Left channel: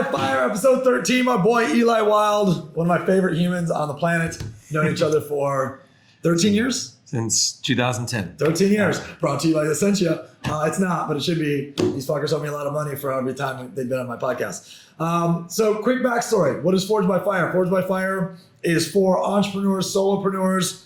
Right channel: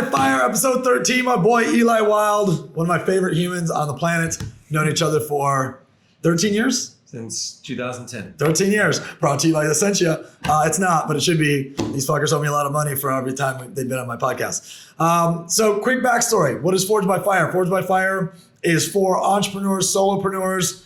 by Fire, episode 13. My boy Eli Wilde, one of my favorite humans on the planet. Known each other for 13 years? Since 2010. 13 years. Brought to you like Essentia. It's not, but it should be. These fuckers owe me a lot of money for every time they've been on my podcast. So quick backstory. What is Forged by Fire? Forged by Fire is for entrepreneurs, solopreneurs.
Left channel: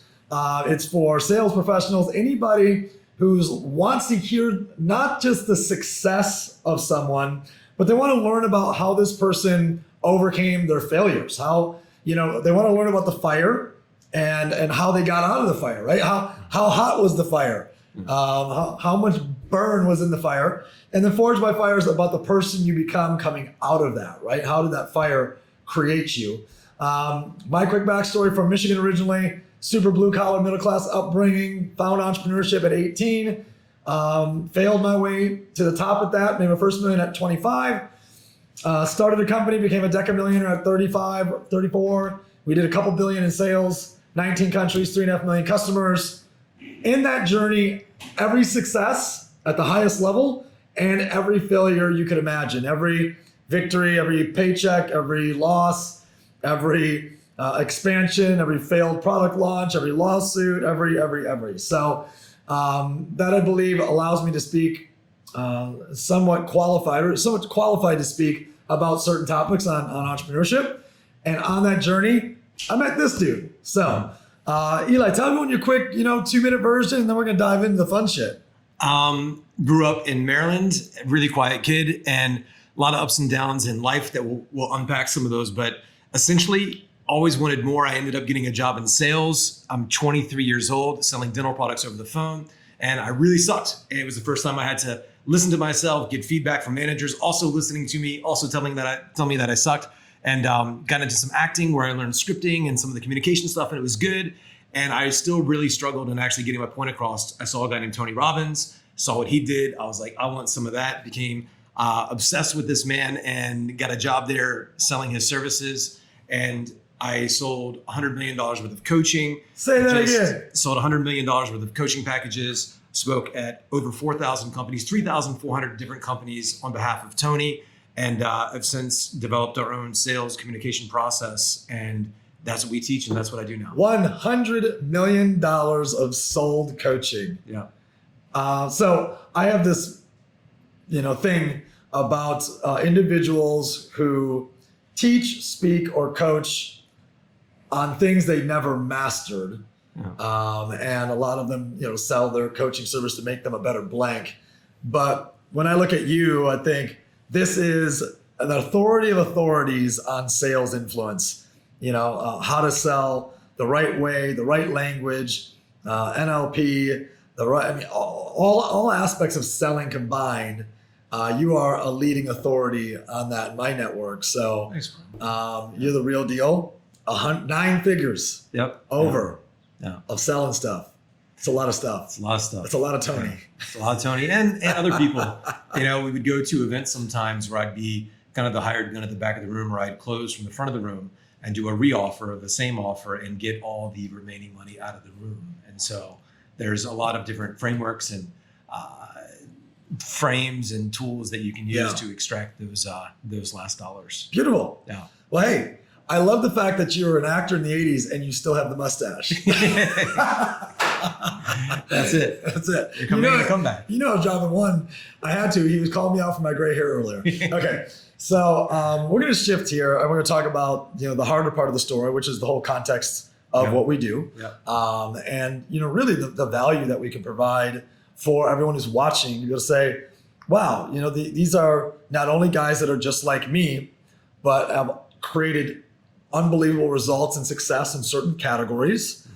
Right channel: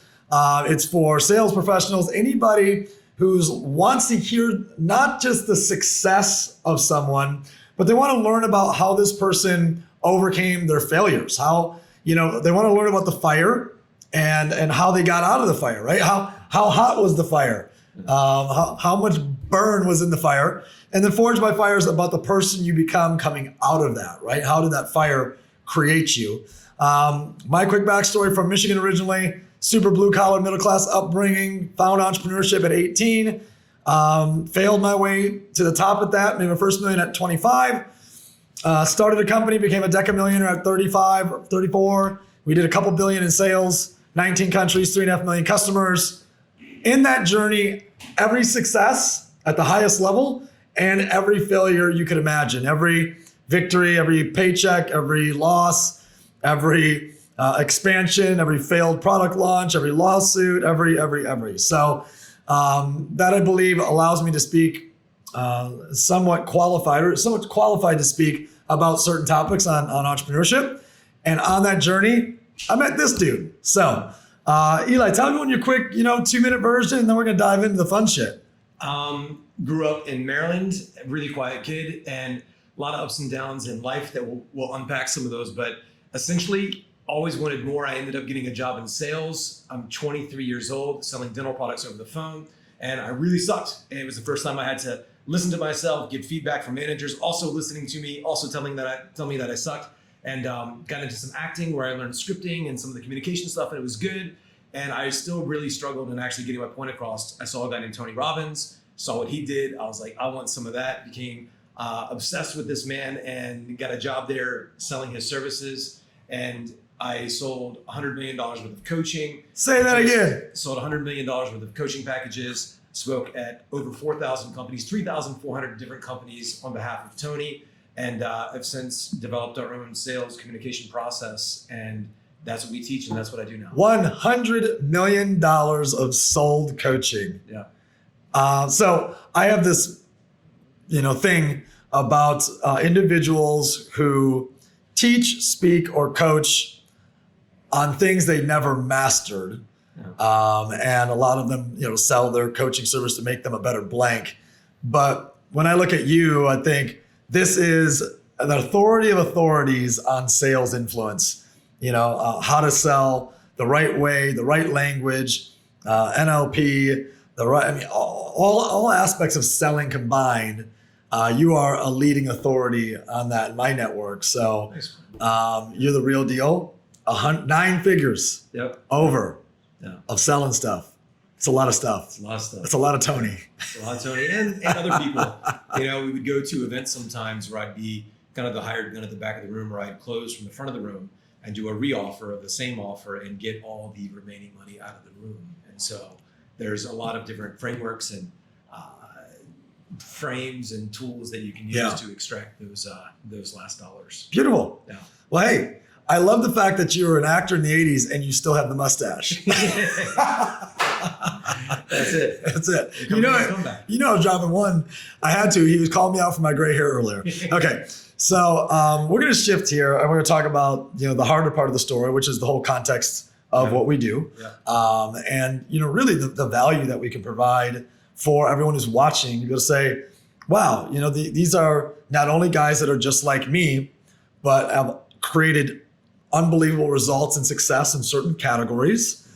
It's for sales professionals, anybody who wants to hear not just the success of someone, but they want to learn about how this person overcame their failures. How, they want to learn about the fire and how they got out of the fire, right? How hot was the fire? How much burn was in the fire? And then Forged by Fire is about the person you become coming out of that, right? How did that fire create you? My quick backstory: from Michigan originally, super blue collar, middle class upbringing, found entrepreneurship at 18, failed my way to the top at that, made my first million at 25, started a company, became a decamillionaire at 35, 34. We did a couple billion in sales, 19 countries, 3.5 million customers. In that journey, every success at the highest level and every failure you could imagine, every victory, every paycheck, every loss, every expansion, every failed product launch, every lawsuit, every. So that, I believe, allows me to speak somewhat qualified to speak about certain topics on entrepreneurship. And on that journey, I met this dude. So Eli, tell everyone your quick, 2-minute version, and then we're gonna dive into the fun shit. Grew up in Maryland, a really quiet kid, and a lot of ups and downs in life that we'll unpack some of those, but essentially always wanted more. I ended up getting a job in sales. I'm 23 years old, selling dental products over the phone, and I really sucked. It was the first time I had to listen to myself, get feedback from managers, also listening to me, also tell me that I sucked, and got into some acting where I learned scripting and some of the communication stuff, and it was good. And I still really struggled in actually getting my point across. I saw a guy named Tony Robbins, saw what he did. I was like, I want some of that. Became obsessed with this man and got a job there selling his services. And I sold $100 million worth of coaching. Say that again. Sold $100 million worth of coaching packages, spoke at over 4,000 companies, 3,400 different companies on behalf of Tony, and have since developed our own sales communication process. And that's what we teach, and that's what I do now. $100 million of sold coaching. Yeah. So I have this, thing about individuals who teach, speak, or coach on things they never mastered. Yeah. And a lot of them, sell their coaching service to make them a better blank. But when I look at you, I think this is the authority of authorities on sales influence. How to sell the right way, the right language, NLP, all aspects of selling combined. You are a leading authority on that in my network. So you're the real deal. 9 figures. Yep. Over. Yeah. Of selling stuff. It's a lot of stuff. It's a lot of stuff. It's a lot of Tony. It's a lot of Tony and other people. We would go to events sometimes where I'd be kind of the hired gun at the back of the room, or I'd close from the front of the room and do a re-offer of the same offer and get all the remaining money out of the room. And so there's a lot of different frameworks and frames and tools that you can use to extract those last dollars. Beautiful. Yeah. Well, hey, I love the fact that you were an actor in the 80s and you still have the mustache. That's it. That's it. You're coming come back. I was dropping one. I had to. He was calling me out for my gray hair earlier. Okay. So we're going to shift here and we're going to talk about, the harder part of the story, which is the whole context of what we do. Yeah. And, really the value that we can provide for everyone who's watching. You're going to say, wow, these are not only guys that are just like me, but have created unbelievable results and success in certain categories.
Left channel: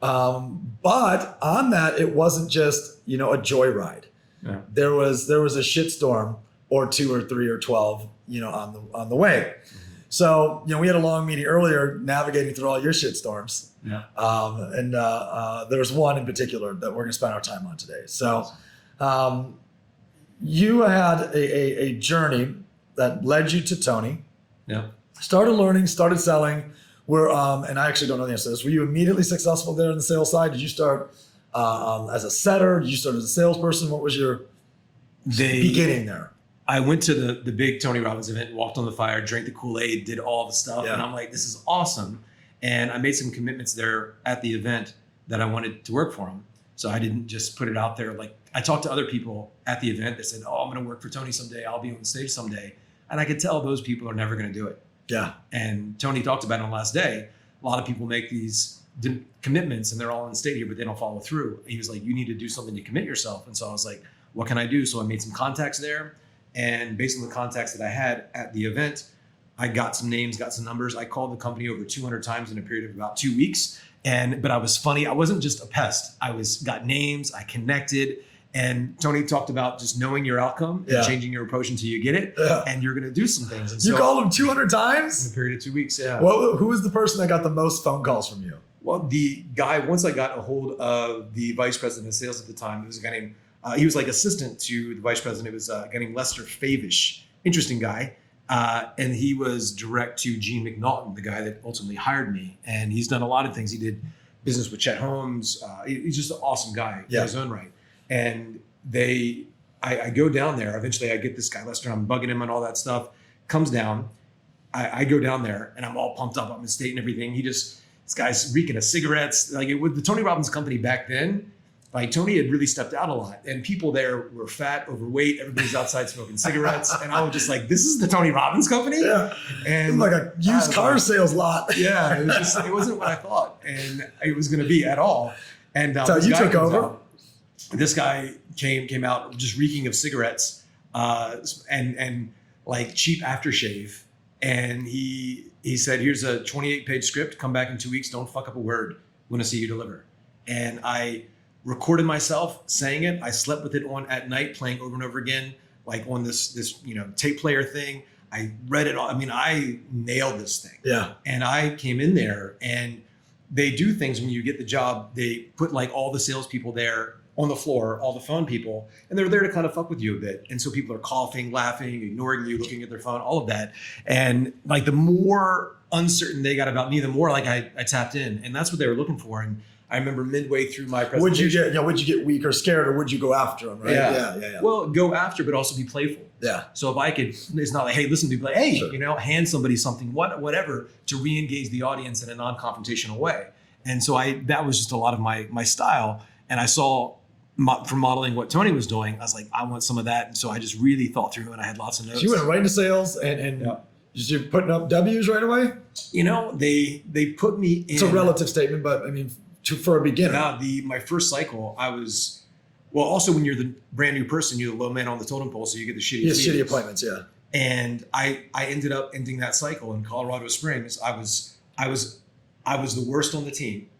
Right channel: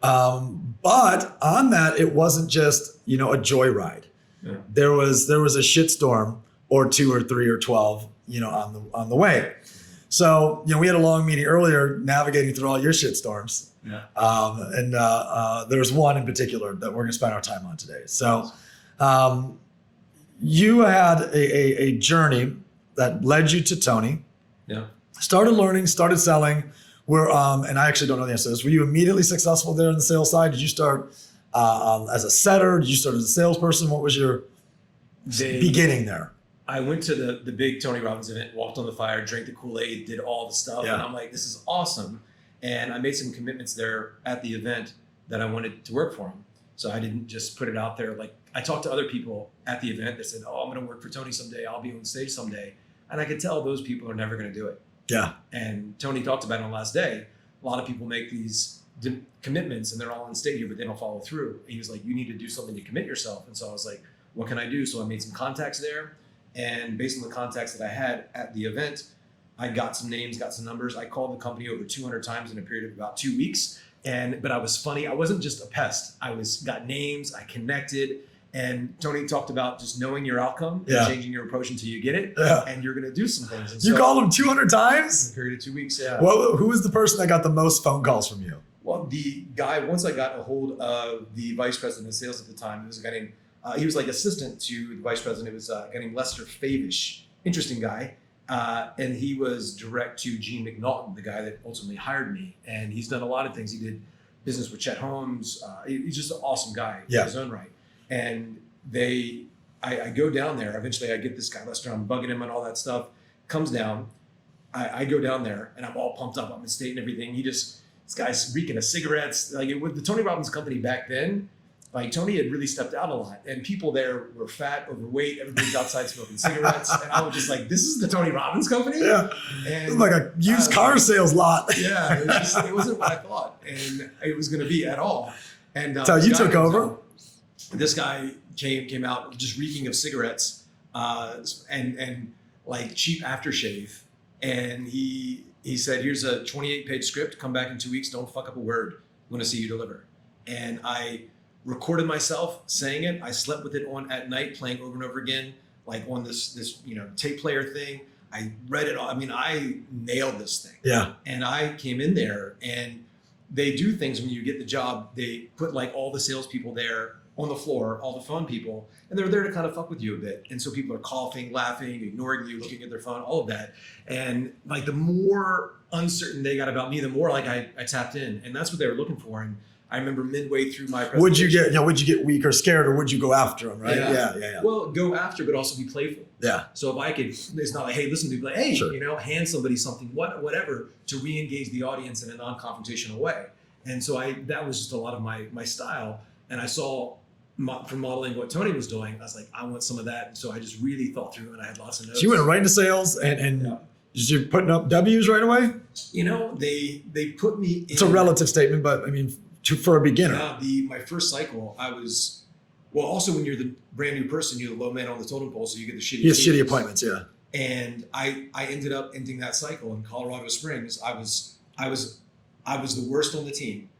But on that, it wasn't just, a joyride. Yeah. There was a shitstorm or 2 or 3 or 12, on the way. So, we had a long meeting earlier navigating through all your shitstorms. Yeah. And there's one in particular that we're going to spend our time on today. So you had a journey that led you to Tony. Yeah. Started learning, started selling. And I actually don't know the answer to this. Were you immediately successful there on the sales side? Did you start as a setter? Did you start as a salesperson? What was your beginning there? I went to the big Tony Robbins event, walked on the fire, drank the Kool-Aid, did all the stuff. Yeah. And I'm like, this is awesome. And I made some commitments there at the event that I wanted to work for him. So I didn't just put it out there. Like, I talked to other people at the event that said, oh, I'm going to work for Tony someday. I'll be on stage someday. And I could tell those people are never going to do it. Yeah. And Tony talked about it on the last day. A lot of people make these commitments and they're all on stage here, but they don't follow through. And he was like, you need to do something to commit yourself. And so I was like, what can I do? So I made some contacts there. And based on the contacts that I had at the event, I got some names, got some numbers. I called the company over 200 times in a period of about 2 weeks. But I was funny. I wasn't just a pest. Got names, I connected. And Tony talked about just knowing your outcome and changing your approach until you get it. Yeah. And you're going to do some things. And you called him 200 times? In a period of 2 weeks, yeah. Well, who was the person that got the most phone calls from you? Well, the guy, once I got a hold of the vice president of sales at the time, it was a guy named, he was like assistant to the vice president. It was a guy named Lester Favish. Interesting guy. And he was direct to Gene McNaughton, the guy that ultimately hired me. And he's done a lot of things. He did business with Chet Holmes. He's just an awesome guy in his own right. And I go down there. Eventually I get this guy, Lester, I'm bugging him and all that stuff. Comes down. I go down there and I'm all pumped up. I'm in state and everything. This guy's reeking of cigarettes. Like with the Tony Robbins company back then, like Tony had really stepped out a lot and people there were fat, overweight. Everybody's outside smoking cigarettes. And I was just like, this is the Tony Robbins company? Yeah. And it's like a used car sales lot. Yeah. It wasn't what I thought and it was going to be at all. And so you took over? This guy came out just reeking of cigarettes and like cheap aftershave. And he said, here's a 28-page script. Come back in 2 weeks. Don't fuck up a word. Want to see you deliver. And I recorded myself saying it. I slept with it on at night, playing over and over again, like on this tape player thing. I read it all. I mean, I nailed this thing. Yeah. And I came in there and they do things when you get the job. They put like all the salespeople there on the floor, all the phone people, and they're there to kind of fuck with you a bit. And so people are coughing, laughing, ignoring you, looking at their phone, all of that. And like the more uncertain they got about me, the more like I tapped in. And that's what they were looking for. And I remember midway through my presentation. Would you get weak or scared, or would you go after them, right? Yeah. Well, go after, but also be playful. Yeah. So if I could, it's not like, hey, listen to me, like, hey, hand somebody something, whatever, to re-engage the audience in a non-confrontational way. And so that was just a lot of my style. And I saw from modeling what Tony was doing, I was like, I want some of that. And so I just really thought through and I had lots of notes. So you went right into sales and just you're putting up W's right away? They put me in. It's a relative statement, but I mean, for a beginner. Yeah, my first cycle, also when you're the brand new person, you're the low man on the totem pole, so you get the shitty shitty appointments, yeah. And I ended up ending that cycle in Colorado Springs. I was the worst on the team.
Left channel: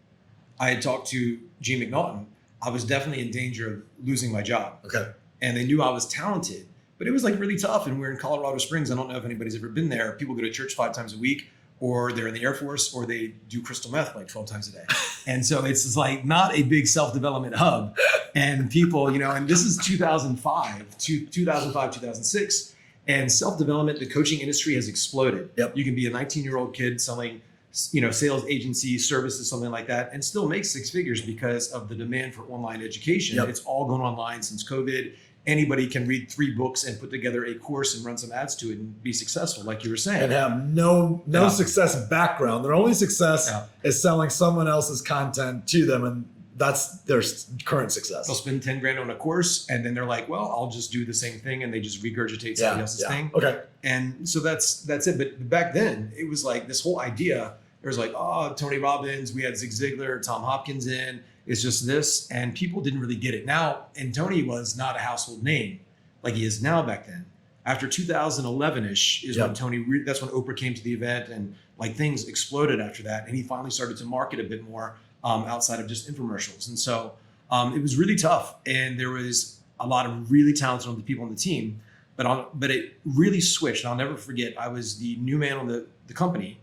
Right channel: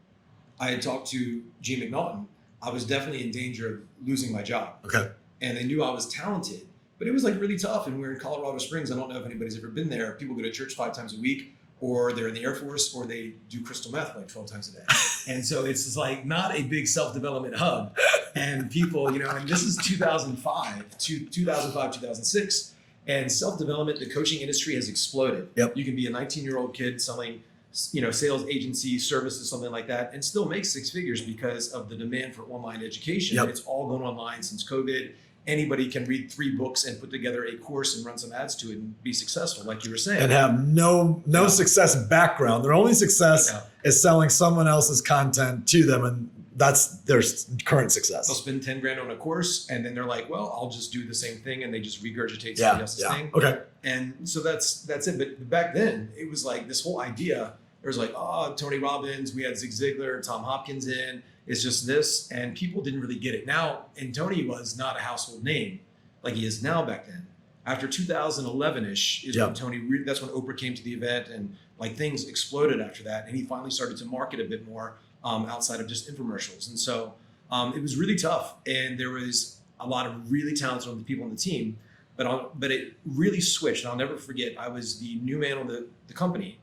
I had talked to Gene McNaughton. I was definitely in danger of losing my job. Okay. And they knew I was talented, but it was like really tough. And we're in Colorado Springs. I don't know if anybody's ever been there. People go to church 5 times a week, or they're in the Air Force, or they do crystal meth like 12 times a day. And so it's like not a big self-development hub. And people, and this is 2005, 2006. And self-development, the coaching industry has exploded. Yep. You can be a 19-year-old kid selling sales agency services, something like that, and still make 6 figures because of the demand for online education. Yep. It's all gone online since COVID. Anybody can read 3 books and put together a course and run some ads to it and be successful, like you were saying. And have no success background. Their only success is selling someone else's content to them, and that's their current success. They'll spend 10 grand on a course, and then they're like, well, I'll just do the same thing, and they just regurgitate somebody else's thing. Okay. And so that's it. But back then, it was like this whole idea. There was like, oh, Tony Robbins, we had Zig Ziglar, Tom Hopkins in. It's just this, and people didn't really get it. Now, and Tony was not a household name like he is now back then. After 2011-ish is when Tony, that's when Oprah came to the event, and like things exploded after that. And he finally started to market a bit more outside of just infomercials. And so it was really tough. And there was a lot of really talented people on the team, but it really switched. I'll never forget, I was the new man on the company.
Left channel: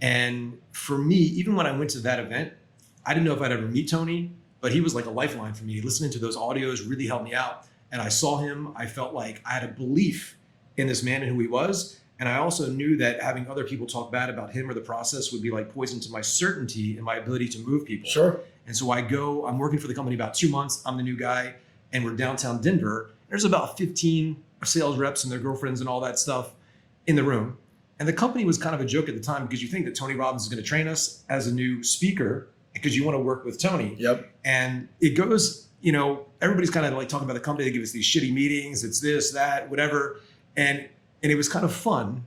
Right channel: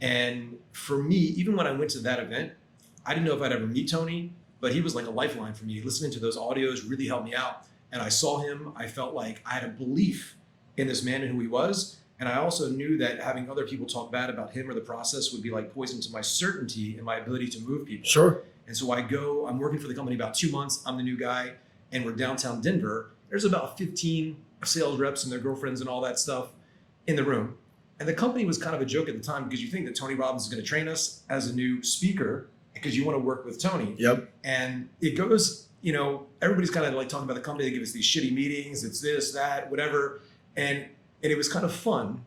And for me, even when I went to that event, I didn't know if I'd ever meet Tony, but he was like a lifeline for me. Listening to those audios really helped me out. And I saw him, I felt like I had a belief in this man and who he was. And I also knew that having other people talk bad about him or the process would be like poison to my certainty and my ability to move people. Sure. And so I'm working for the company about 2 months. I'm the new guy, and we're downtown Denver. There's about 15 sales reps and their girlfriends and all that stuff in the room. And the company was kind of a joke at the time because you think that Tony Robbins is going to train us as a new speaker because you want to work with Tony. Yep. And it goes, everybody's kind of like talking about the company. They give us these shitty meetings. It's this, that, whatever. And it was kind of fun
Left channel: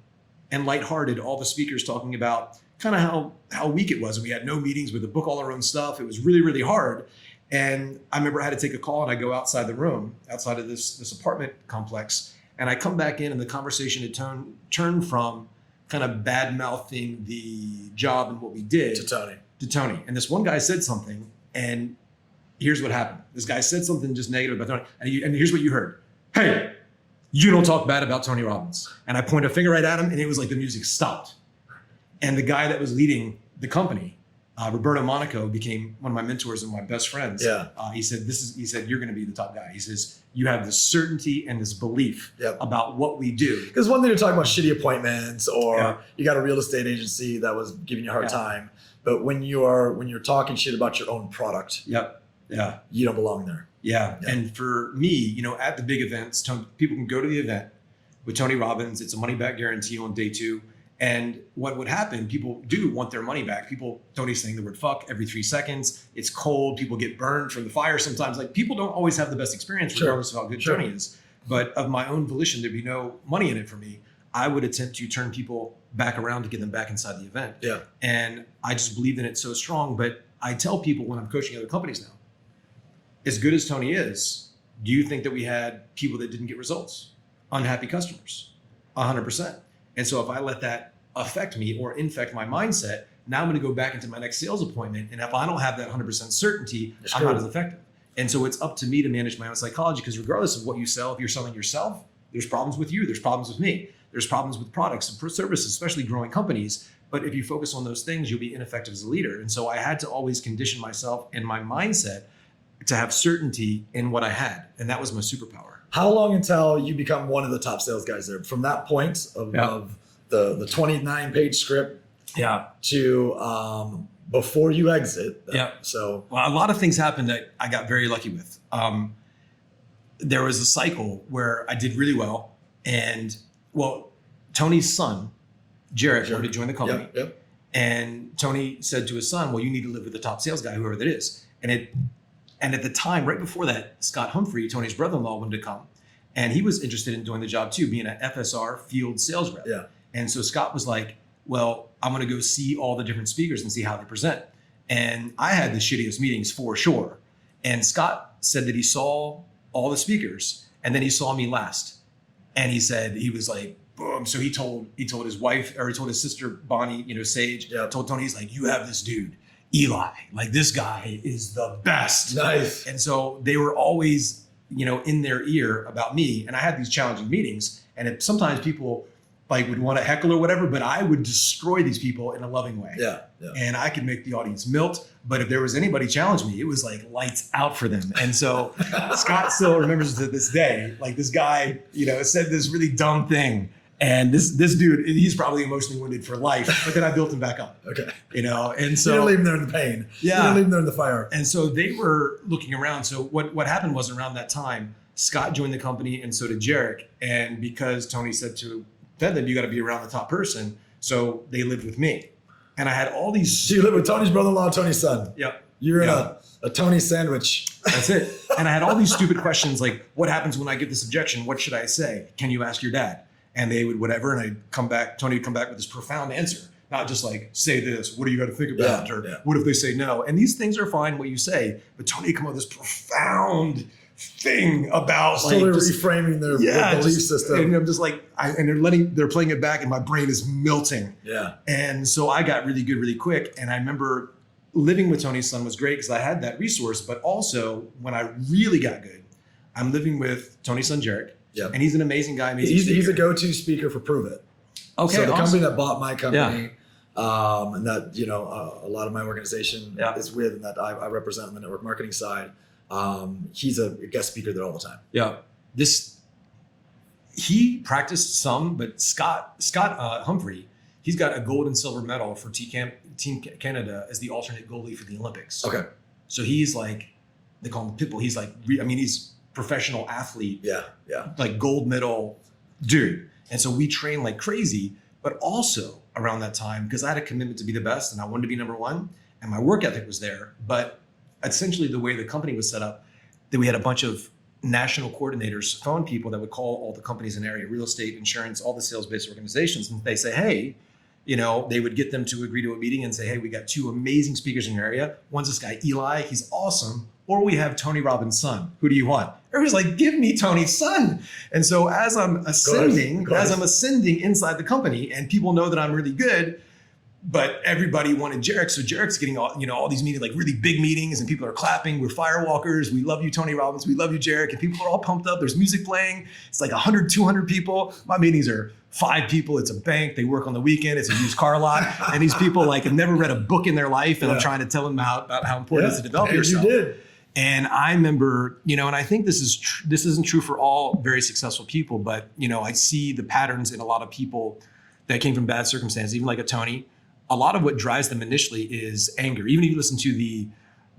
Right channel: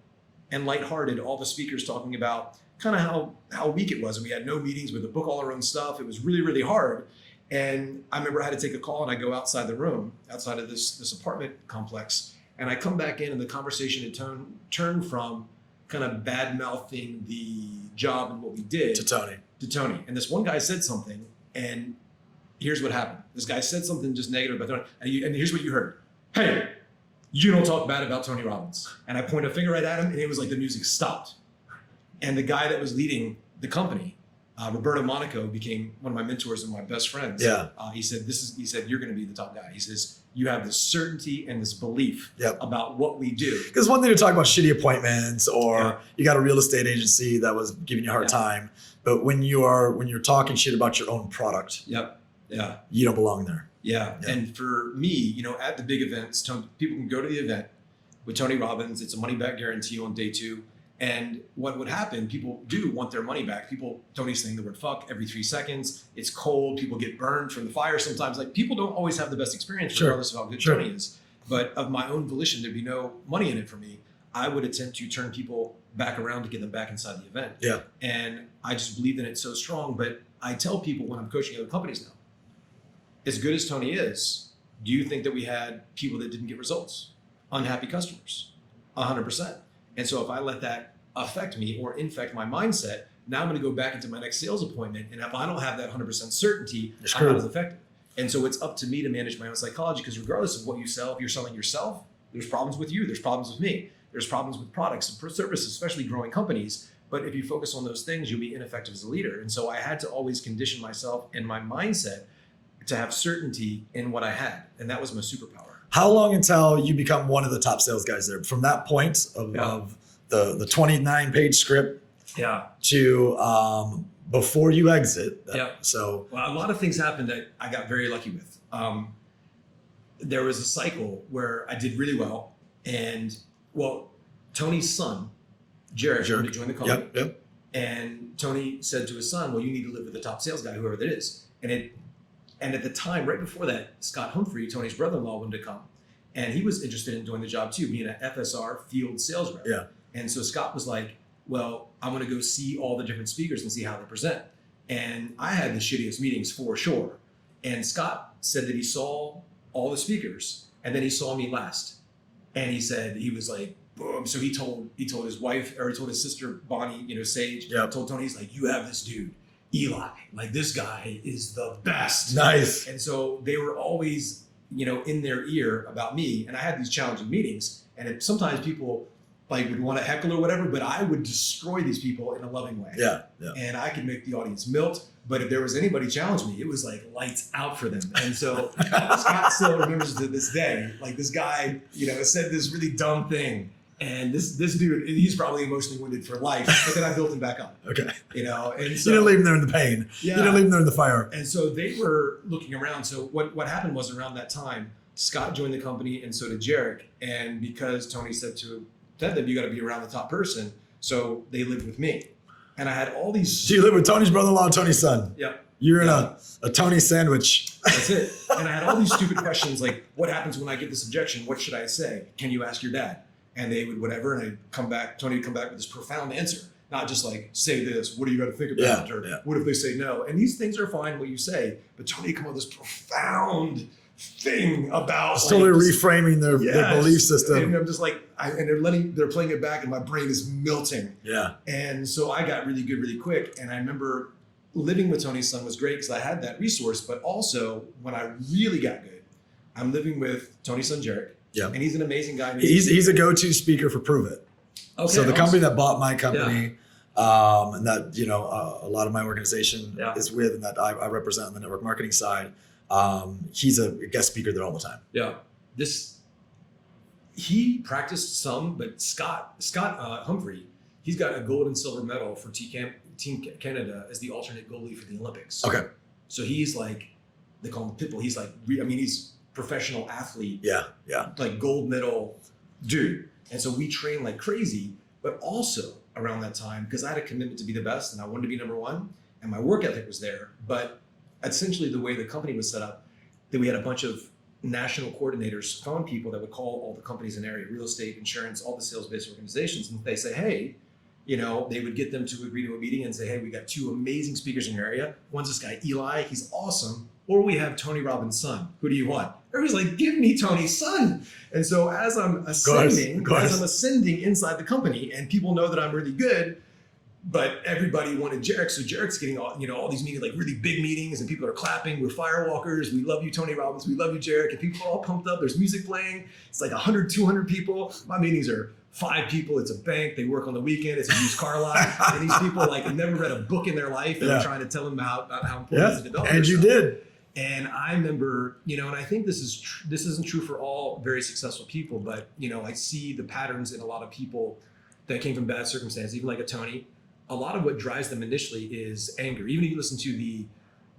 and lighthearted. All the speakers talking about kind of how weak it was. And we had no meetings. We had to book all our own stuff. It was really, really hard. And I remember I had to take a call and I go outside the room, outside of this apartment complex. And I come back in and the conversation had turned from kind of bad mouthing the job and what we did to Tony. And this one guy said something, and here's what happened. This guy said something just negative about Tony, and here's what you heard. Hey, you don't talk bad about Tony Robbins. And I point a finger right at him, and it was like the music stopped. And the guy that was leading the company, Roberto Monaco, became one of my mentors and my best friends. Yeah. He said, you're going to be the top guy. He says, you have this certainty and this belief about what we do. Because one thing to talk about shitty appointments, or you got a real estate agency that was giving you a hard time, but when you're talking shit about your own product, you don't belong there. Yeah. And for me, at the big events, people can go to the event with Tony Robbins. It's a money back guarantee on day 2. And what would happen, people do want their money back. Tony's saying the word fuck every 3 seconds. It's cold. People get burned from the fire sometimes. Like, people don't always have the best experience regardless of how good Tony is. But of my own volition, there'd be no money in it for me. I would attempt to turn people back around to get them back inside the event. Yeah. And I just believed in it so strong. But I tell people when I'm coaching other companies now, as good as Tony is, do you think that we had people that didn't get results? Unhappy customers, 100%. And so if I let that affect me or infect my mindset, now I'm going to go back into my next sales appointment. And if I don't have that 100% certainty, I'm not as effective. And so it's up to me to manage my own psychology, because regardless of what you sell, if you're selling yourself, there's problems with you, there's problems with me, there's problems with products and services, especially growing companies. But if you focus on those things, you'll be ineffective as a leader. And so I had to always condition myself and my mindset to have certainty in what I had. And that was my superpower. How long until you become one of the top sales guys there? From that point of the 29-page script to before you exit. So a lot of things happened that I got very lucky with. There was a cycle where I did really well. And Tony's son, Jared, wanted to join the company. And Tony said to his son, well, you need to live with the top sales guy, whoever that is. And at the time, right before that, Scott Humphrey, Tony's brother-in-law, wanted to come. And he was interested in doing the job too, being an FSR field sales rep. And so Scott was like, well, I'm going to go see all the different speakers and see how they present. And I had the shittiest meetings for sure. And Scott said that he saw all the speakers and then he saw me last. And he said, he was like, boom. So he told his wife, or he told his sister, Bonnie, Sage, told Tony, he's like, you have this dude, Eli, like, this guy is the best. Nice. And so they were always, in their ear about me. And I had these challenging meetings. And sometimes people would want to heckle or whatever, but I would destroy these people in a loving way. And I could make the audience melt. But if there was anybody challenge me, it was like lights out for them. And so Scott still remembers to this day, like, this guy, said this really dumb thing. And this dude, he's probably emotionally wounded for life, but then I built him back up. And so you didn't leave him there in the pain. You didn't leave him there in the fire. And so they were looking around. So what happened was, around that time, Scott joined the company, and so did Jarek. And because Tony said to them, you got to be around the top person, so they lived with me. And I had all these. So you lived with Tony's brother-in-law, Tony's son. You're in a Tony sandwich. That's it. And I had all these stupid questions like, what happens when I get this objection? What should I say? Can you ask your dad? And they would whatever, and I'd come back, Tony would come back with this profound answer. Not just like, say this, what do you got to think about? What if they say no? And these things are fine, what you say, but Tony would come on this profound thing about reframing their belief system. And I'm just like, and they're playing it back, and my brain is melting. And so I got really good really quick. And I remember living with Tony's son was great because I had that resource, but also when I really got good, I'm living with Tony's son, Jarek. And he's an amazing guy. He's a go-to speaker for Prove It. So the company that bought my company, and that a lot of my organization is with, and that I represent on the network marketing side, he's a guest speaker there all the time. He practiced some, but Scott Humphrey, he's got a gold and silver medal for Team Canada as the alternate goalie for the Olympics. So he's like, they call him Pitbull. He's like, he's professional athlete, Yeah. like gold medal dude. And so we trained like crazy, but also around that time, because I had a commitment to be the best and I wanted to be number one and my work ethic was there. But essentially the way the company was set up, that we had a bunch of national coordinators, phone people that would call all the companies in the area, real estate, insurance, all the sales-based organizations. And they say, hey, you know, they would get them to agree to a meeting and say, hey, we got 2 amazing speakers in your area. One's this guy, Eli, he's awesome. Or we have Tony Robbins' son. Who do you want? Everybody's like, give me Tony's son. And so as I'm ascending inside the company and people know that I'm really good, but everybody wanted Jarek. So Jarek's getting all these meetings, like really big meetings, and people are clapping. We're firewalkers. We love you, Tony Robbins. We love you, Jarek. And people are all pumped up. There's music playing. It's like 100, 200 people. My meetings are 5 people. It's a bank. They work on the weekend. It's a used car lot. And these people like have never read a book in their life. And I'm trying to tell them about how important it is to develop yourself. And you did. And I remember, and I think this isn't true for all very successful people, but, I see the patterns in a lot of people that came from bad circumstances, even like a Tony. A lot of what drives them initially is anger. Even if you listen to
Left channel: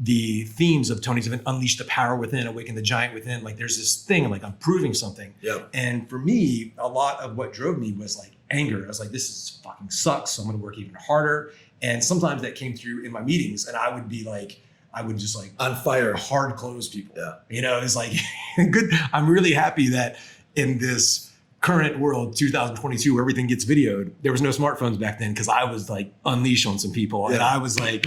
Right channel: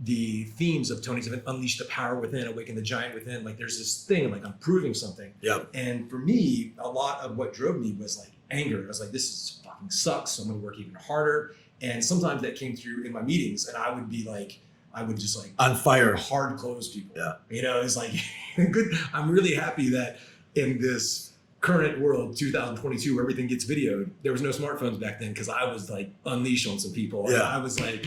the themes of Tony's event, Unleash the Power Within, Awaken the Giant Within, like there's this thing, like I'm proving something. Yep. And for me, a lot of what drove me was like anger. I was like, this is fucking sucks. So I'm gonna work even harder. And sometimes that came through in my meetings and I would just on fire, hard close people. Yeah. It's like good. I'm really happy that in this current world, 2022, where everything gets videoed, there was no smartphones back then because I was like unleash on some people. And I was like,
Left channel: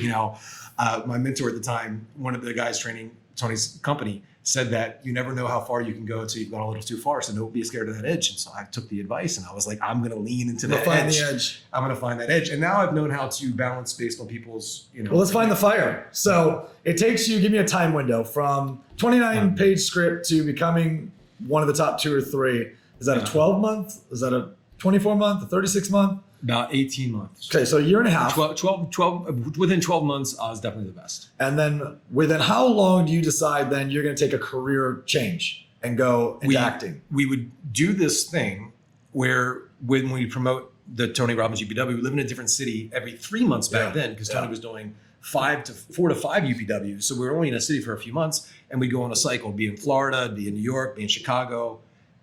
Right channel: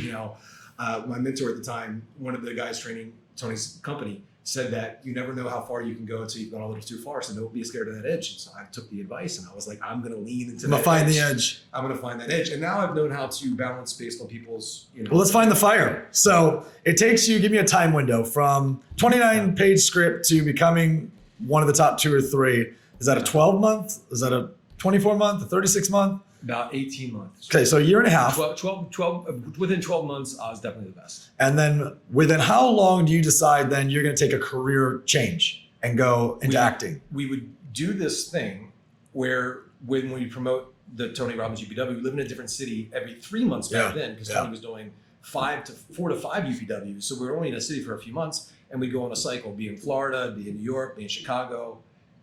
my mentor at the time, one of the guys training Tony's company, said that you never know how far you can go until you've gone a little too far. So don't be scared of that edge. And so I took the advice and I was like, I'm going to lean into that find edge. the edge. I'm going to find that edge. And now I've known how to balance based on people's, Well, let's find the fire. So it takes you, give me a time window from 29-page script to becoming one of the top 2 or 3. Is that a 12-month? Is that a 24-month? A 36-month? About 18 months. Okay, so a year and a half. 12, within 12 months, I was definitely the best. And then within how long do you decide then you're going to take a career change and go into acting? We would do this thing where when we promote the Tony Robbins UPW, we live in a different city every 3 months back then because Tony was doing 4 to 5 UPWs. So we were only in a city for a few months and we'd go on a cycle, be in Florida, be in New York, be in Chicago.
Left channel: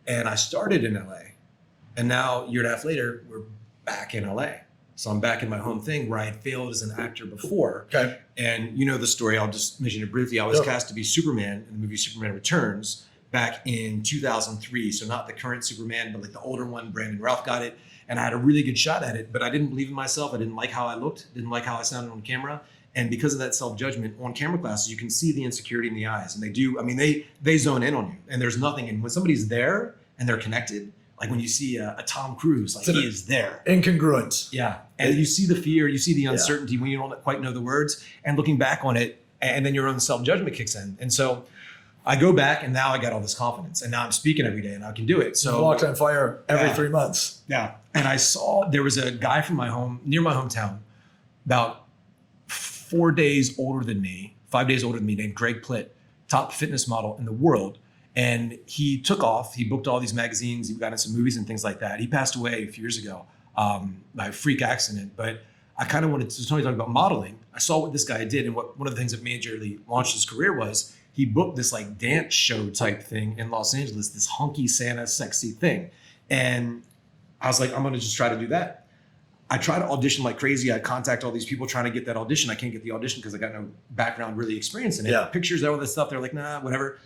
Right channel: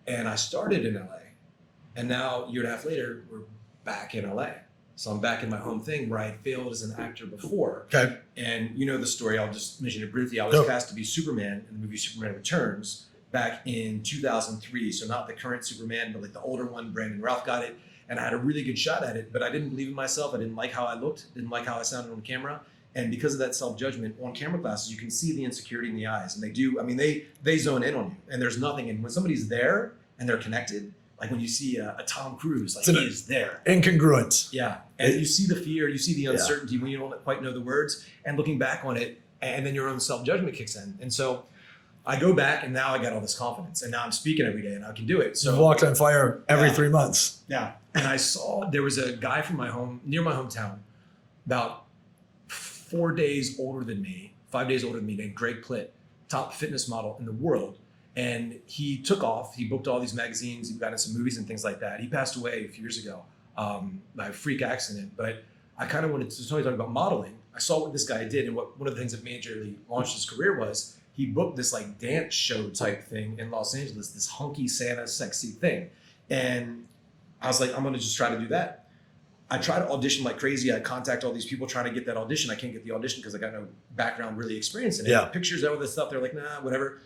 And I started in LA. And now a year and a half later, we're back in LA. So I'm back in my home thing where I had failed as an actor before. Okay. And you know the story, I'll just mention it briefly. I was cast to be Superman in the movie Superman Returns back in 2003. So not the current Superman, but like the older one. Brandon Routh got it. And I had a really good shot at it, but I didn't believe in myself. I didn't like how I looked, didn't like how I sounded on camera. And because of that self-judgment, on camera classes, you can see the insecurity in the eyes. And they zone in on you and there's nothing. And when somebody's there and they're connected, like when you see a Tom Cruise, like he is there. Incongruent. Yeah. And you see the fear, you see the uncertainty when you don't quite know the words, and looking back on it, and then your own self-judgment kicks in. And so I go back and now I got all this confidence and now I'm speaking every day and I can do it. So you walked on fire every 3 months. Yeah. And I saw there was a guy from near my hometown, about 4 days older than me, 5 days older than me, named Greg Plitt, top fitness model in the world. And he took off, he booked all these magazines, he got into some movies and things like that. He passed away a few years ago by a freak accident, but I kind of wanted to, Tony talking about modeling. I saw what this guy did and one of the things that majorly launched his career was he booked this like dance show type thing in Los Angeles, this hunky Santa sexy thing. And I was like, I'm gonna just try to do that. I try to audition like crazy. I contact all these people trying to get that audition. I can't get the audition because I got no background really experience in it. Yeah. Pictures, all this stuff, they're like, nah, whatever.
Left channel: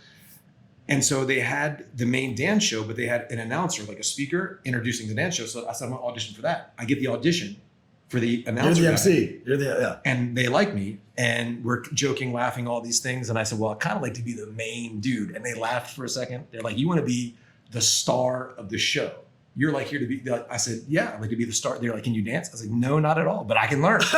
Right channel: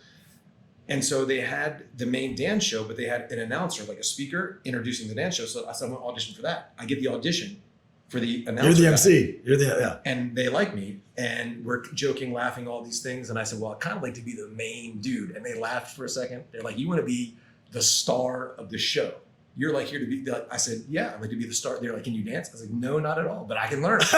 And so they had the main dance show, but they had an announcer, like a speaker, introducing the dance show. So I said, I'm gonna audition for that. I get the audition for the announcer. You're the MC. You're the, And they like me, and we're joking, laughing, all these things. And I said, well, I kind of like to be the main dude. And they laughed for a second. They're like, you want to be the star of the show? You're like here to be, I said, yeah, I'd like to be the star. They're like, can you dance? I was like, no, not at all, but I can learn. And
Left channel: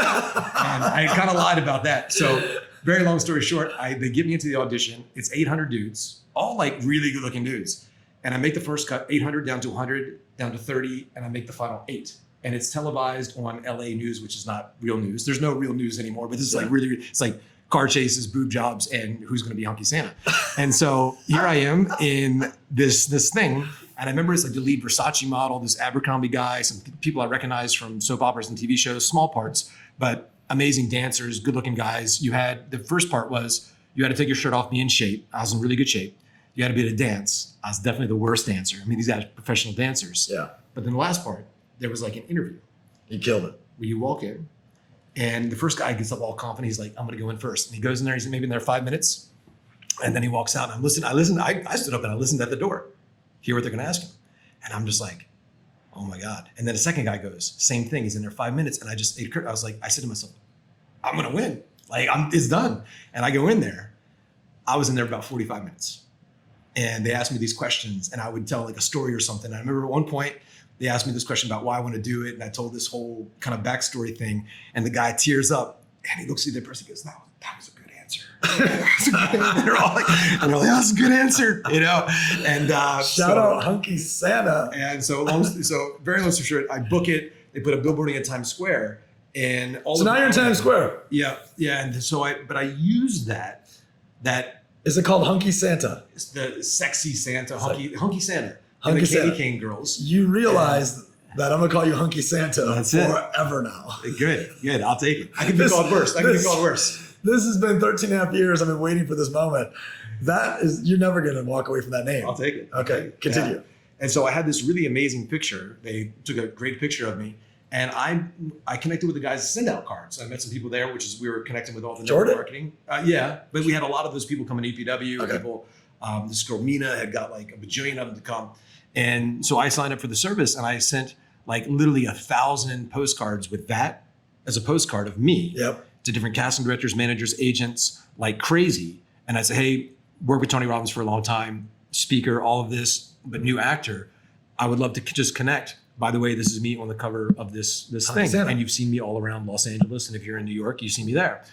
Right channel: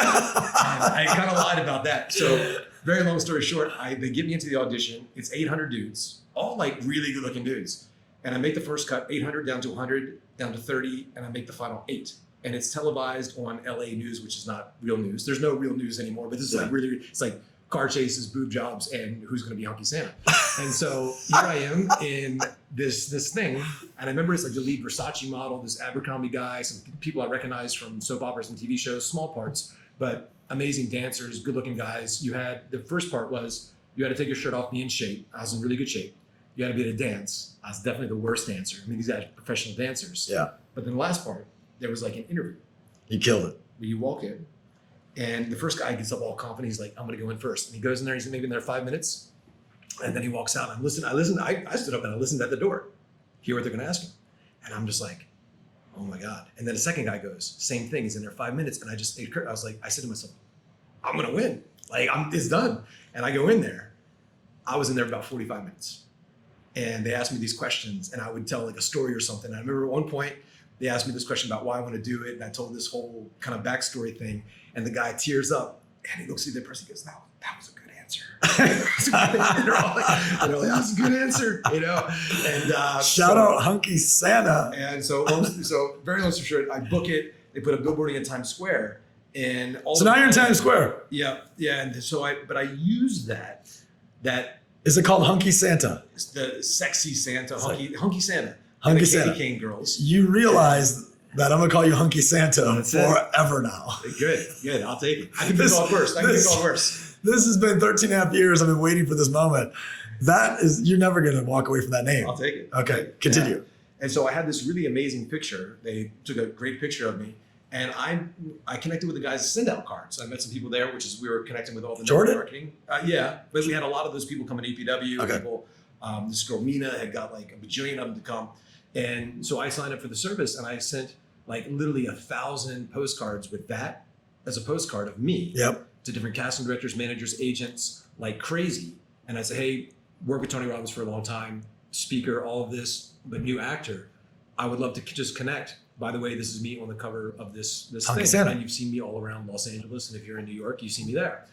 I kind of lied about that. So very long story short, they get me into the audition. It's 800 dudes, all like really good looking dudes. And I make the first cut, 800 down to 100, down to 30, and I make the final 8. And it's televised on LA News, which is not real news. There's no real news anymore, but this is like really, it's like car chases, boob jobs, and who's going to be Hunky Santa. And so here I am in this thing. And I remember it's like the lead Versace model, this Abercrombie guy, some people I recognize from soap operas and TV shows, small parts, but amazing dancers, good looking guys. The first part was you had to take your shirt off, be in shape. I was in really good shape. You got to be able to dance. I was definitely the worst dancer. I mean, these guys are professional dancers. Yeah. But then the last part, there was like an interview You killed it. where you walk in, and the first guy gets up all confident. He's like, I'm going to go in first. And he goes in there. He's maybe in there 5 minutes. And then he walks out. And I listened. I stood up and I listened at the door, hear what they're going to ask him. And I'm just like, oh my God. And then the second guy goes, same thing. He's in there 5 minutes. And I said to myself, I'm going to win. Like, it's done. And I go in there. I was in there about 45 minutes. And they asked me these questions, and I would tell like a story or something. I remember at one point, they asked me this question about why I want to do it. And I told this whole kind of backstory thing. And the guy tears up and he looks at the person and goes, no, that was a good answer. and they're all like, that's a good answer, you know? And Shout out Hunky Santa. And so very long story short, I book it. They put a billboarding in Times Square. And all So now you're in Times Square. Yeah. Yeah. And so I used that Is it called Hunky Santa? the sexy Santa, hunky Santa. Hunky And the Santa. candy cane girls. You realize that I'm gonna call you Hunky Santa That's it. forever now. Good. I'll take it. I can be called worse. This has been 13 and a half years. I've been waiting for this moment. You're never gonna walk away from that name. I'll take it. Okay, continue. Yeah. And so I had this really amazing picture. They took a great picture of me. And I connected with the guys' send out cards. I met some people there, we were connecting with all the Jordan? marketing. Yeah, but we had a lot of those people coming to EPW. Okay. People, this girl Mina had got like a bajillion of them to come. And so I signed up for the service, and I sent like literally 1,000 postcards with that as a postcard of me Yep. to different casting directors, managers, agents, like crazy. And I said, hey, worked with Tony Robbins for a long time, speaker, all of this, but new actor. I would love to just connect. By the way, this is me on the cover of this thing. Santa. And you've seen me all around Los Angeles. And if you're in New York, you see me there.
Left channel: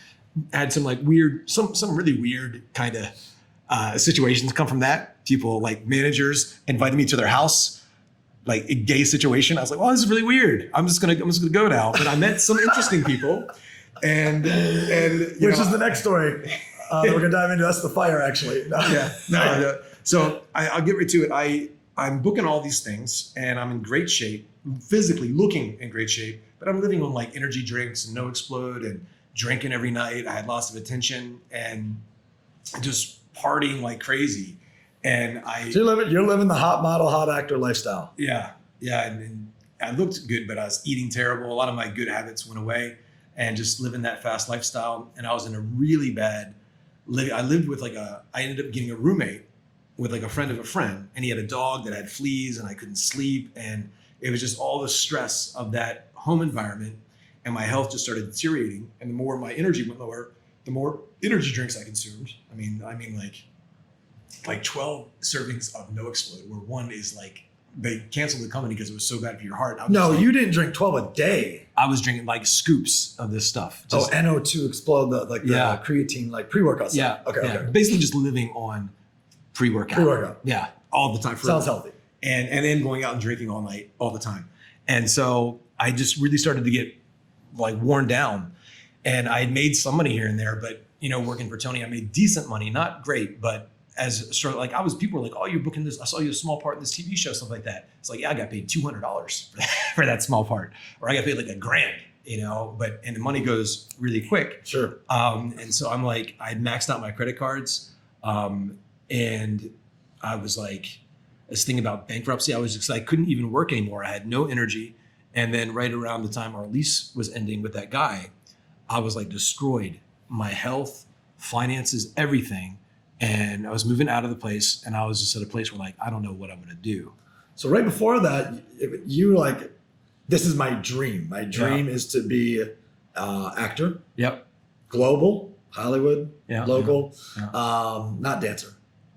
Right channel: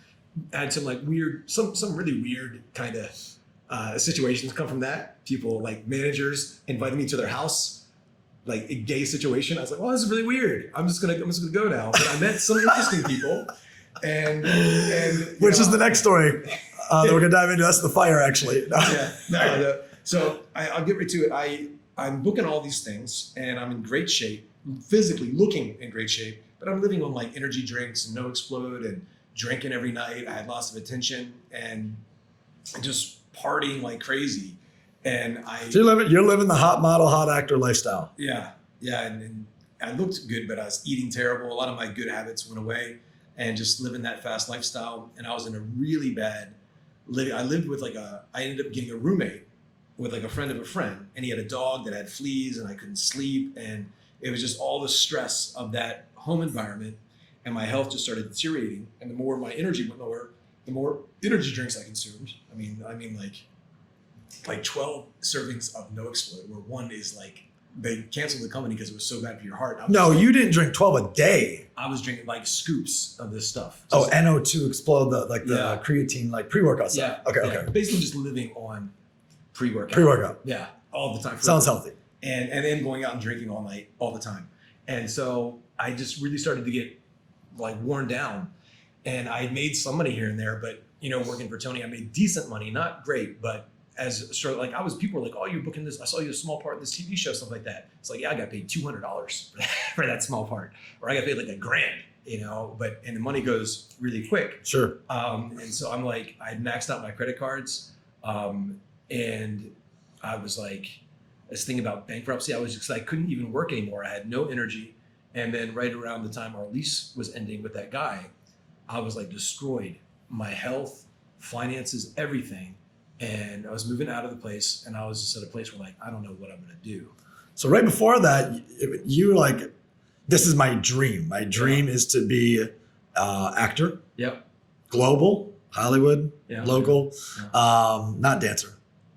I had some like weird, some really weird kind of situations come from that. People like managers invited me to their house, like a gay situation. I was like, well, this is really weird. I'm just gonna go now. But I met some interesting people. And Which is the next story that we're gonna dive into. That's the fire, actually. No. No. So I'll get right to it. I'm booking all these things, and I'm in great shape, physically looking in great shape, but I'm living on like energy drinks and No Explode and drinking every night. I had lots of attention and just partying like crazy. And So you're living the hot model, hot actor lifestyle. Yeah. And I looked good, but I was eating terrible. A lot of my good habits went away, and just living that fast lifestyle. And I was in a really bad, I lived with I ended up getting a roommate with like a friend of a friend, and he had a dog that had fleas, and I couldn't sleep. And it was just all the stress of that home environment, and my health just started deteriorating. And the more my energy went lower, the more energy drinks I consumed. I mean like 12 servings of No Explode, where one is like, they canceled the company because it was so bad for your heart. No, you didn't drink 12 a day. I was drinking like scoops of this stuff. NO2 Explode, the creatine, like pre-workout stuff. Yeah. Okay. Basically just living on pre-workout. Pre-workout. Yeah. All the time. Sounds healthy. And then going out and drinking all night, all the time. And so I just really started to get like worn down. And I had made some money here and there, but working for Tony, I made decent money, not great, but as sort of like people were like, oh, you're booking this. I saw you a small part in this TV show, stuff like that. It's like, yeah, I got paid $200 for that small part, or I got paid like $1,000, and the money goes really quick. Sure. And so I'm like, I had maxed out my credit cards. And I was like, this thing about bankruptcy, I couldn't even work anymore. I had no energy. And then right around the time our lease was ending with that guy, I was like destroyed. My health, finances, everything. And I was moving out of the place, and I was just at a place where like, I don't know what I'm going to do. So right before that, you were like, this is my dream. My dream is to be actor. Yep. Global, Hollywood, local, not dancer.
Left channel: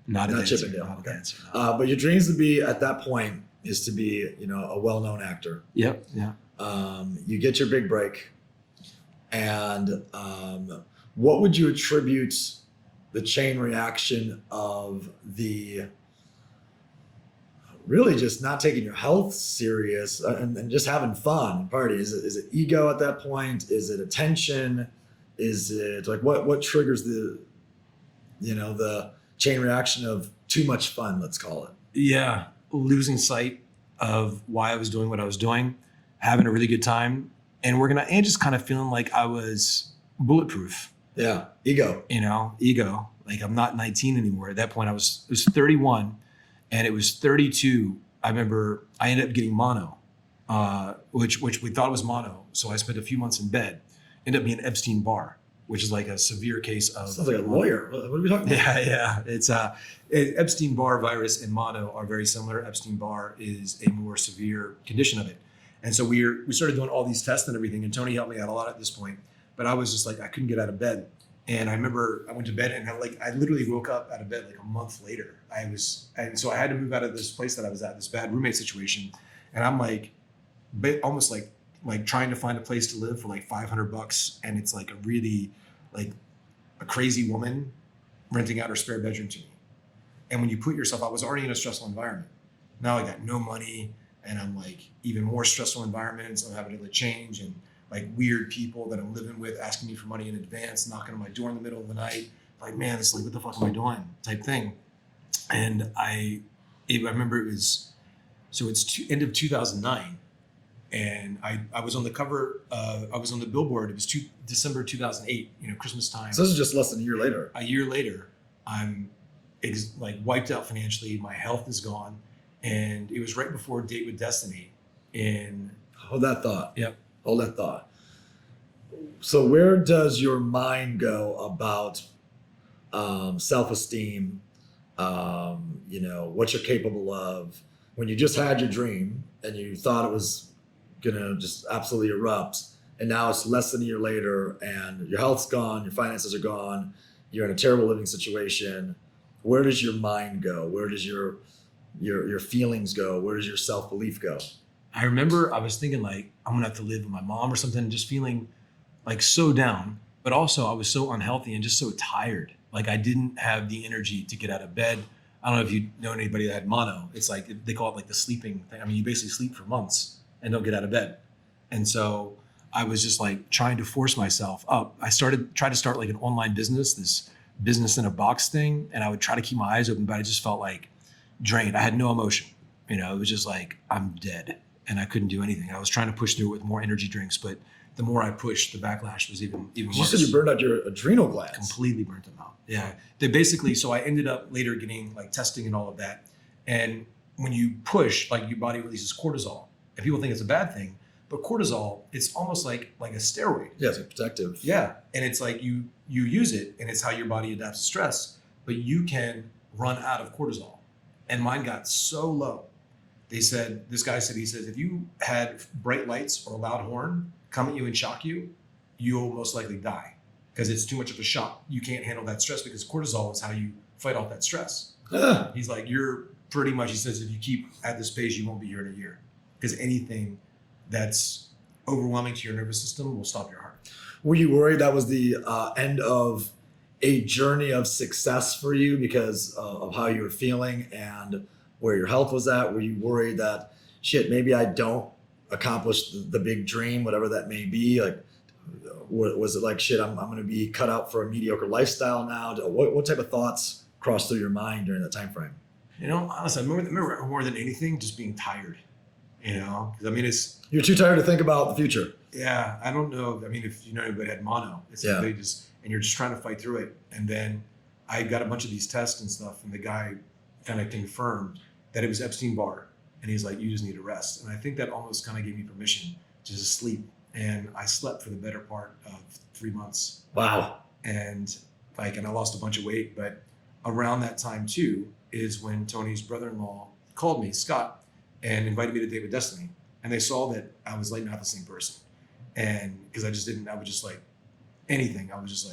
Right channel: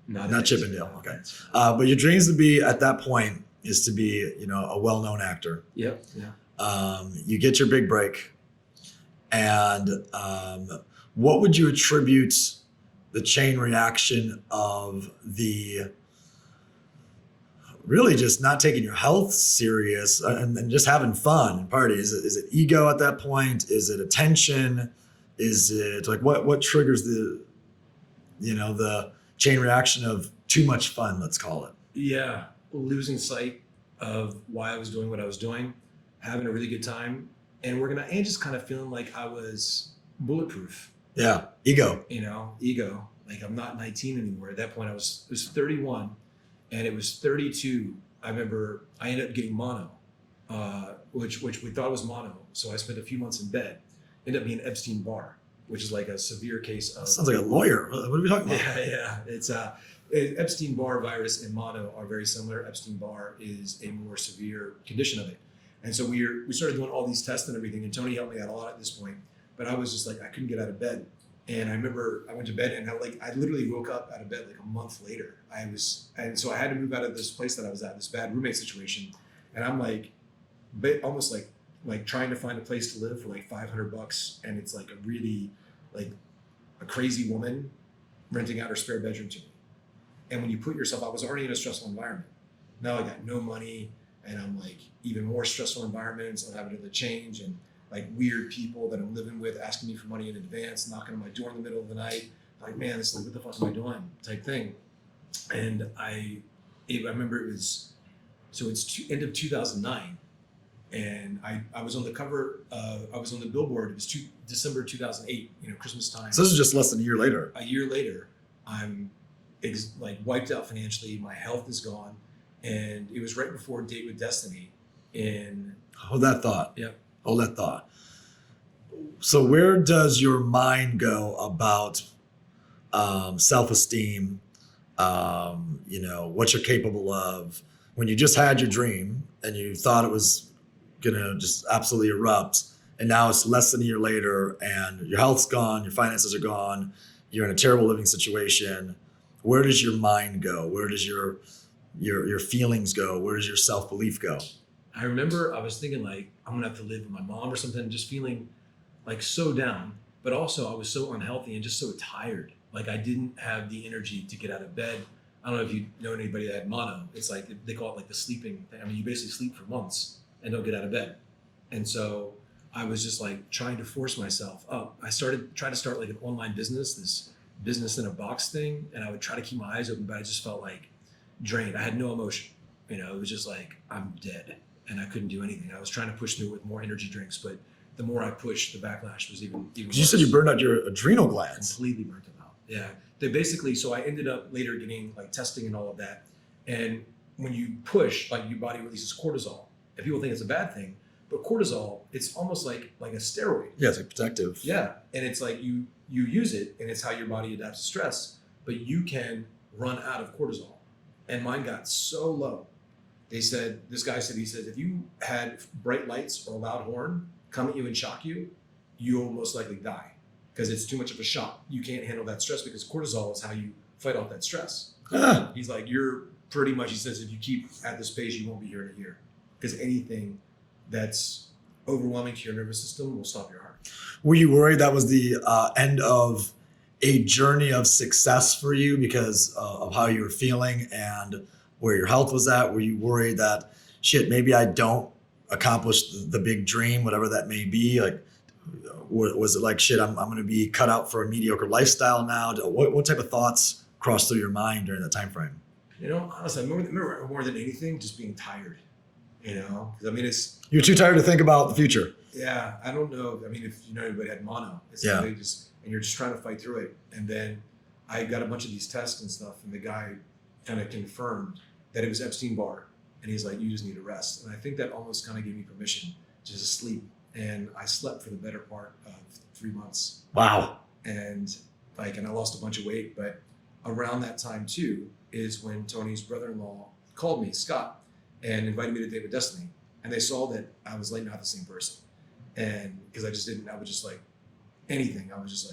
Not Chippendale. Okay. But your dreams to be at that point is to be, a well-known actor. Yep. Yeah. You get your big break, and what would you attribute the chain reaction of the really just not taking your health serious and then just having fun and party? Is it ego at that point? Is it attention? Is it like what triggers the chain reaction of too much fun, let's call it? Yeah. Losing sight of why I was doing what I was doing, having a really good time, and just kind of feeling like I was bulletproof. Yeah. Ego. Ego. Like I'm not 19 anymore. At that point, it was 31 and it was 32. I remember I ended up getting mono, which we thought was mono. So I spent a few months in bed, ended up being Epstein-Barr, which is like a severe case of. Sounds like a lawyer. What are we talking about? Yeah. It's Epstein-Barr virus and mono are very similar. Epstein-Barr is a more severe condition of it. And so we started doing all these tests and everything, and Tony helped me out a lot at this point. But I was just like, I couldn't get out of bed. And I remember I went to bed and I literally woke up out of bed like a month later. And so I had to move out of this place that I was at, this bad roommate situation. And I'm like, almost like trying to find a place to live for like $500. And it's like a really, like a crazy woman renting out her spare bedroom to me. And when you put yourself, I was already in a stressful environment. Now I got no money and I'm like even more stressful environments. I'm having to change and like weird people that I'm living with asking me for money in advance, knocking on my door in the middle of the night. Like, man, it's like, what the fuck am I doing? Type thing. And I remember it's end of 2009. And I was on the cover, I was on the billboard. It was December 2008, Christmas time. So this is just less than a year later. A year later, I'm like wiped out financially. My health is gone. And it was right before Date with Destiny. And hold that thought. Yep. Hold that thought. So where does your mind go about self-esteem, what you're capable of when you just had your dream and you thought it was going to just absolutely erupt, and now it's less than a year later and your health's gone, your finances are gone, you're in a terrible living situation. Where does your mind go? Where does your feelings go? Where does your self-belief go? I remember I was thinking like, I'm gonna have to live with my mom or something, just feeling like so down, but also I was so unhealthy and just so tired. Like I didn't have the energy to get out of bed. I don't know if you know anybody that had mono. It's like, they call it like the sleeping thing. I mean, you basically sleep for months and don't get out of bed. And so I was just like trying to force myself up. I tried to start like an online business, this business in a box thing. And I would try to keep my eyes open, but I just felt like drained. I had no emotion. It was just like, I'm dead. And I couldn't do anything. I was trying to push through it with more energy drinks, but the more I pushed, the backlash was even worse. You said you burned out your adrenal glands. Completely burnt them out. Yeah. They basically, so I ended up later getting like testing and all of that. And when you push, like your body releases cortisol. And people think it's a bad thing, but cortisol, it's almost like a steroid. Yeah, it's protective. Yeah. And it's like you use it and it's how your body adapts to stress, but you can run out of cortisol. And mine got so low. This guy said, if you had bright lights or a loud horn come at you and shock you, you'll most likely die because it's too much of a shock. You can't handle that stress because cortisol is how you fight off that stress. He's like, you're pretty much, he says, if you keep at this pace, you won't be here in a year because anything that's overwhelming to your nervous system will stop your heart. Were you worried that was the end of a journey of success for you because of how you were feeling and where your health was at? Were you worried that, shit, maybe I don't accomplish the big dream, whatever that may be? Like, was it like, shit, I'm going to be cut out for a mediocre lifestyle now? What type of thoughts crossed through your mind during that time frame? Honestly, I remember more than anything, just being tired, because I mean, you're too tired to think about the future. Yeah. I don't know. I mean, if you know anybody had mono, it's yeah. Like and you're just trying to fight through it. And then I got a bunch of these tests and stuff, and the guy kind of confirmed that it was Epstein-Barr. And he's like, you just need to rest. And I think that almost kind of gave me permission to just sleep. And I slept for the better part of 3 months. Wow. And I lost a bunch of weight. But around that time too is when Tony's brother-in-law called me, Scott, and invited me to Date with Destiny. And they saw that I was like not the same person. And because I was just like anything. I was just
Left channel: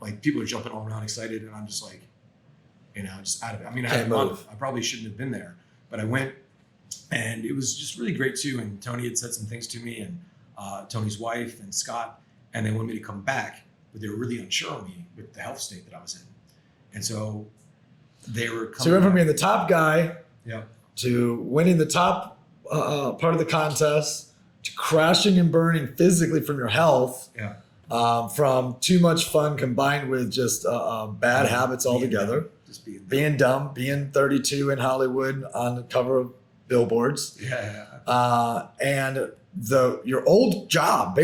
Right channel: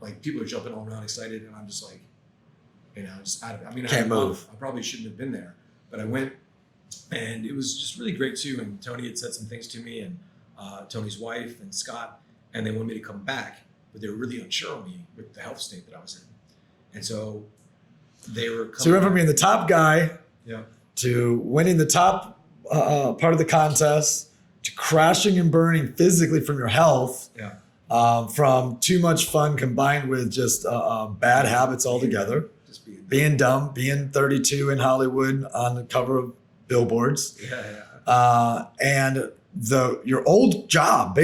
like people are jumping all around excited. And I'm just like, just out of it. I mean, I probably shouldn't have been there, but I went, and it was just really great too. And Tony had said some things to me, and Tony's wife and Scott, and they wanted me to come back, but they were really unsure of me with the health state that I was in. And so they were coming. So you went from being the top guy yeah. to winning the top part of the contest to crashing and burning physically from your health. Yeah. From too much fun combined with just bad habits altogether. Being dumb, being 32 in Hollywood on the cover of billboards. Yeah. And your old job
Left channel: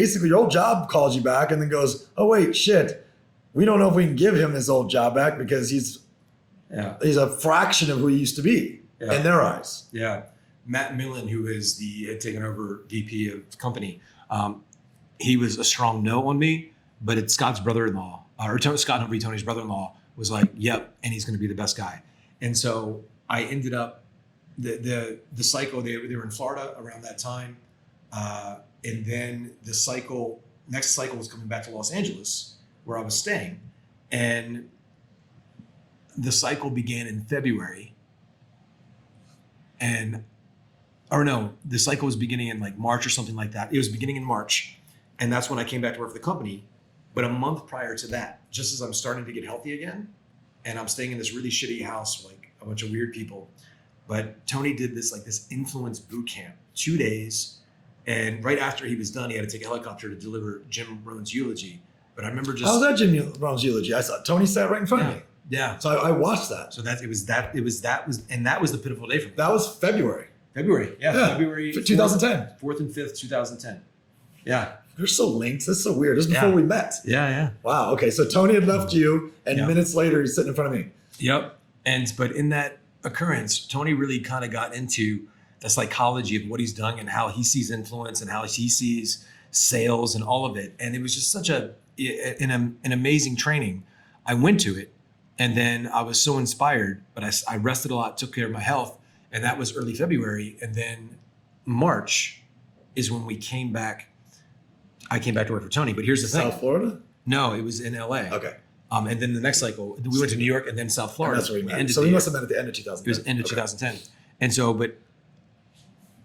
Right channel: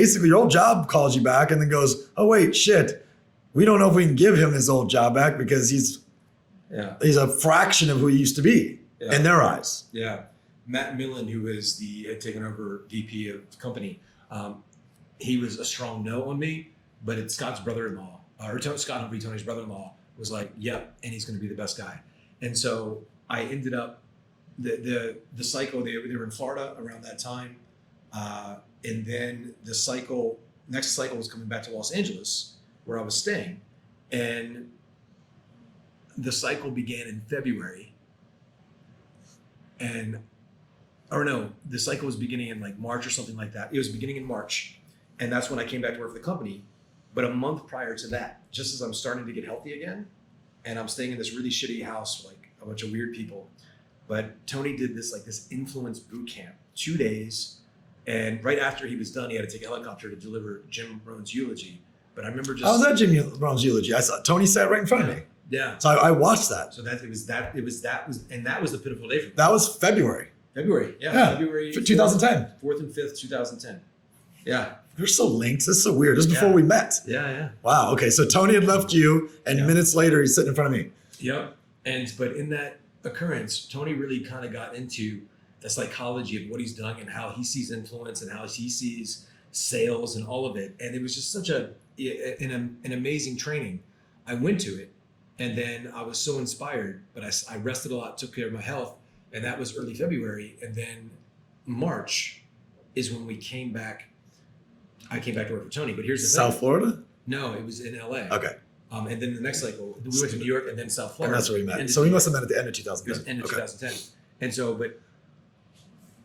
calls you back and then goes, oh wait, shit, we don't know if we can give him his old job back because he's a fraction of who he used to be in their eyes. Yeah. Matt Millen, who had taken over VP of the company, he was a strong no on me, but it's Scott's brother-in-law, Scott Humphrey, Tony's brother-in-law, was like, yep, and he's going to be the best guy. And so I ended up, the cycle, they were in Florida around that time. And then the next cycle was coming back to Los Angeles, where I was staying. And the cycle began in February. The cycle was beginning in like March or something like that. It was beginning in March. And that's when I came back to work for the company. But a month prior to that, just as I'm starting to get healthy again, and I'm staying in this really shitty house, like a bunch of weird people. But Tony did this influence boot camp, 2 days. And right after he was done, he had to take a helicopter to deliver Jim Rohn's eulogy. But I remember How was that Jim Rohn's eulogy? I saw Tony sat right in front of me. Yeah. So I watched that. So that was the pivotal day for me. That was February. February 2010. 4th and 5th, 2010. Yeah. We're so linked. This is so weird. This is before we met. Yeah. Wow. Okay. So Tony had left you, and minutes later, he's sitting in front of me. Yep. But in that occurrence, Tony really kind of got into the psychology of what he's done and how he sees influence and how he sees sales and all of it. And it was just such an amazing training. I went to it, and then I was so inspired, but I rested a lot, took care of my health, and that was early February. And then March is when we came back. I came back to work for Tony, but here's the thing. South Florida? No, it was in LA. Okay. And then the next cycle, we went to New York and then South Florida. And that's where we met. So we must have met at the end of 2010. It was end of 2010. And so, but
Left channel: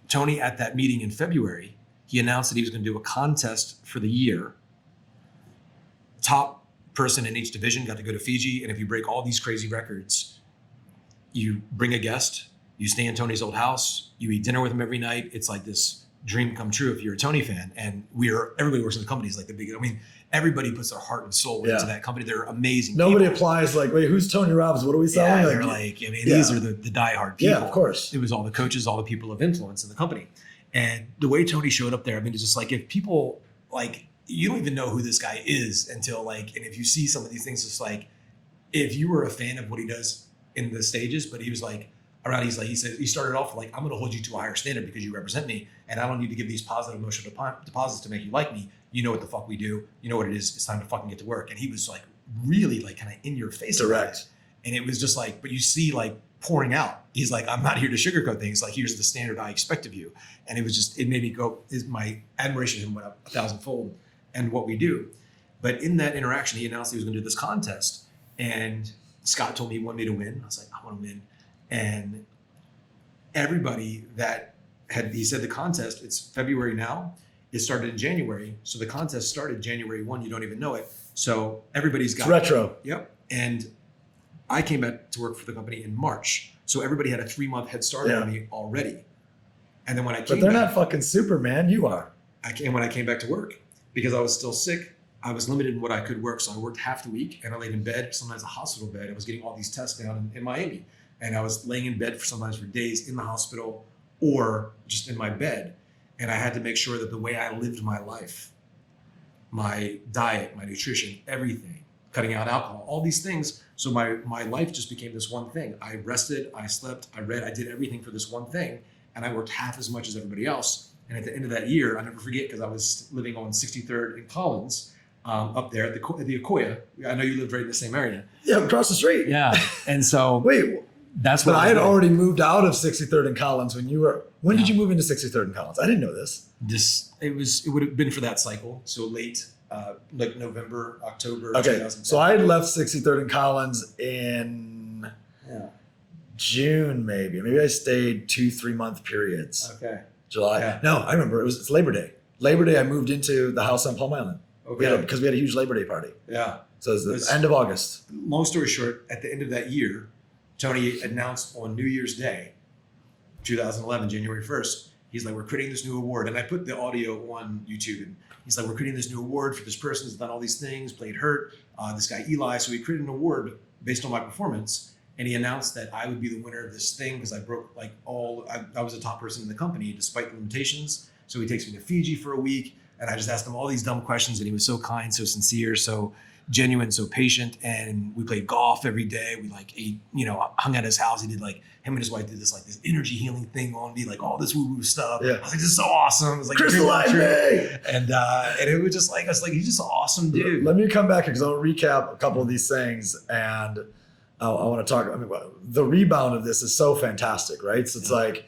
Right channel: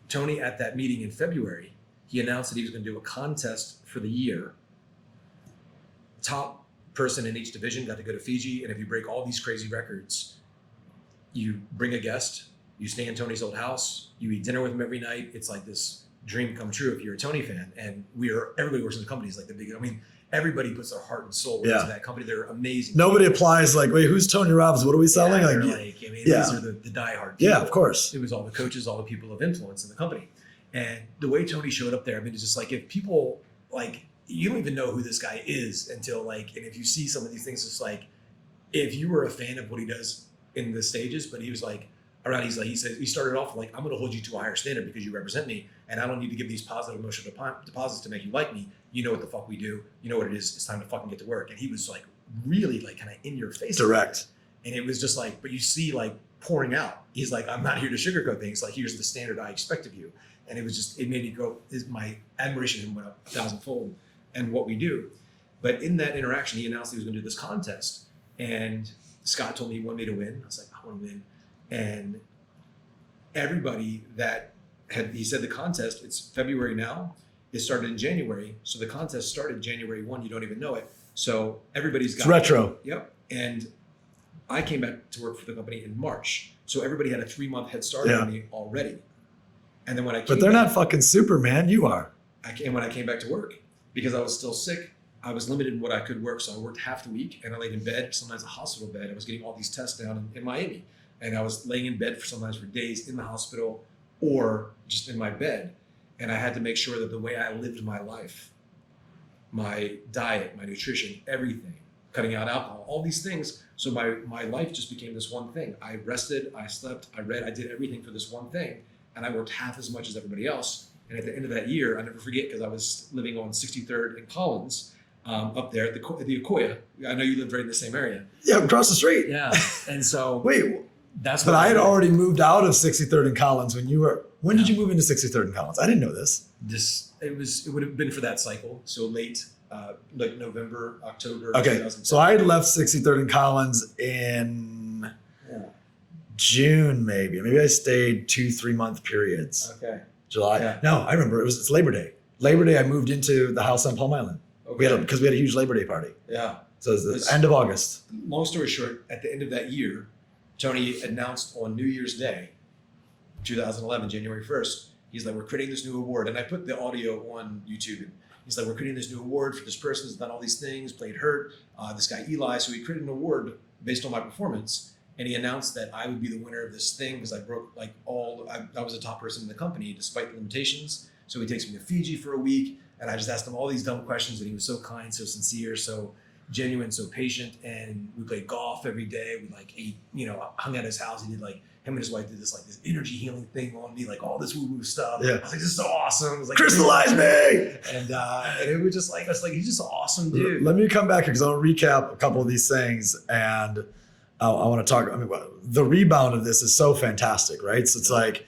Tony at that meeting in February, he announced that he was going to do a contest for the year. Top person in each division got to go to Fiji. And if you break all these crazy records, you bring a guest, you stay in Tony's old house, you eat dinner with him every night. It's like this dream come true if you're a Tony fan. And everybody works in the company is like everybody puts their heart and soul into that company. They're amazing. Nobody applies like, wait, who's Tony Robbins? What are we selling? These are the diehard people. Yeah, of course. It was all the coaches, all the people of influence in the company. And the way Tony showed up there, it's just like, if people you don't even know who this guy is until and if you see some of these things, it's like, if you were a fan of what he does in the stages, but he was he said, he started off I'm going to hold you to a higher standard because you represent me, and I don't need to give these positive emotional deposits to make you like me. You know what the fuck we do. You know what it is. It's time to fucking get to work. And he was really kind of in your face. Direct. And it was just but you see pouring out. He's like, I'm not here to sugarcoat things. Here's the standard I expect of you. And it was just, it made me go, my admiration of him went up 1,000-fold and what we do. But in that interaction, he announced he was going to do this contest. And Scott told me he wanted me to win. I was like, I want to win. And everybody he said the contest, it's February now. It started in January. So the contest started January 1. You don't even know it. So everybody's got it's retro. Yep. And I came back to work for the company in March. So everybody had a 3-month head start on me already. And then when I came But they're not fucking Superman. You are. When I came back to work, because I was still sick, I was limited in what I could work. So I worked half the week, and I laid in bed, sometimes a hospital bed. I was getting all these tests down in Miami. And I was laying in bed sometimes for days in the hospital or just in my bed. And I had to make sure that the way I lived my life, my diet, my nutrition, everything, cutting out alcohol, all these things. So my life just became this one thing. I rested, I slept, I read, I did everything for this one thing. And I worked half as much as everybody else. And at the end of that year, I'll never forget, because I was living on 63rd and Collins, up there at the Akoya. I know you live right in the same area. Yeah, across the street. Yeah. And so wait, that's but I had already moved out of 63rd and Collins when you were. When did you move into 63rd and Collins? I didn't know this. It would have been for that cycle. So late, November, October. Okay. 2010. So I had left 63rd and Collins in June, maybe. Maybe I stayed 2-3 month periods. Okay. July. Yeah. No, I remember. It's Labor Day. Labor Day, I moved into the house on Palm Island. Okay. Because we had a huge Labor Day party. Yeah. So it was the end of August. Long story short, at the end of that year, Tony announced on New Year's Day, 2011, January 1st, he's like, we're creating this new award. And I put the audio on YouTube. And he's like, we're creating this new award for this person who's done all these things, played hurt, this guy Eli. So he created an award based on my performance. And he announced that I would be the winner of this thing because I broke I was the top person in the company despite the limitations. So he takes me to Fiji for a week. And I just asked him all these dumb questions. And he was so kind, so sincere, so genuine, so patient. And we played golf every day. We like ate, hung at his house. He did like, him and his wife did this like this energy healing thing on me, like all this woo-woo stuff. Yeah. I was like, this is so awesome. It was like crystallize me. And it was just like, I was like, he's just an awesome dude. Let me come back here because I'll recap a couple of these things, and I want to talk. I mean, the rebound of this is so fantastic, right? So it's like,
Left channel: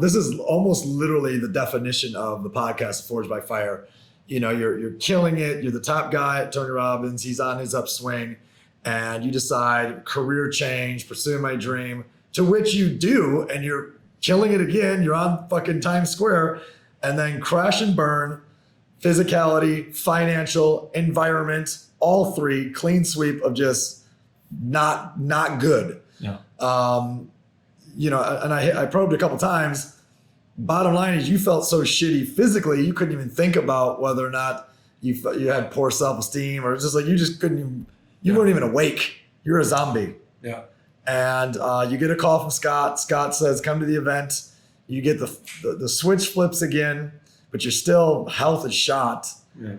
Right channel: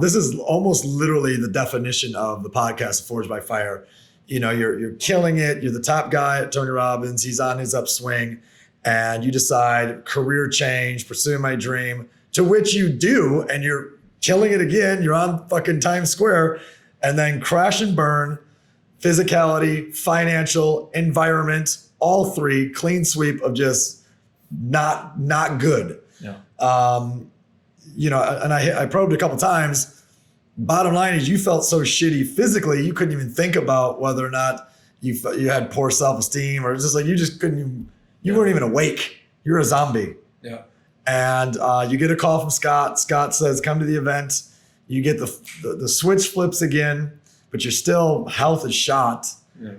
this is almost literally the definition of the podcast, Forged by Fire. You're killing it. You're the top guy at Tony Robbins. He's on his upswing, and you decide career change, pursue my dream, to which you do, and you're killing it again. You're on fucking Times Square, and then crash and burn, physicality, financial, environment, all three, clean sweep of just not good. Yeah. And I probed a couple times. Bottom line is you felt so shitty physically, you couldn't even think about whether or not you had poor self-esteem, or it's just like you just couldn't, you weren't even awake. You're a zombie. Yeah. And you get a call from Scott. Scott says, come to the event. You get the switch flips again, but you're still, health is shot. Yeah.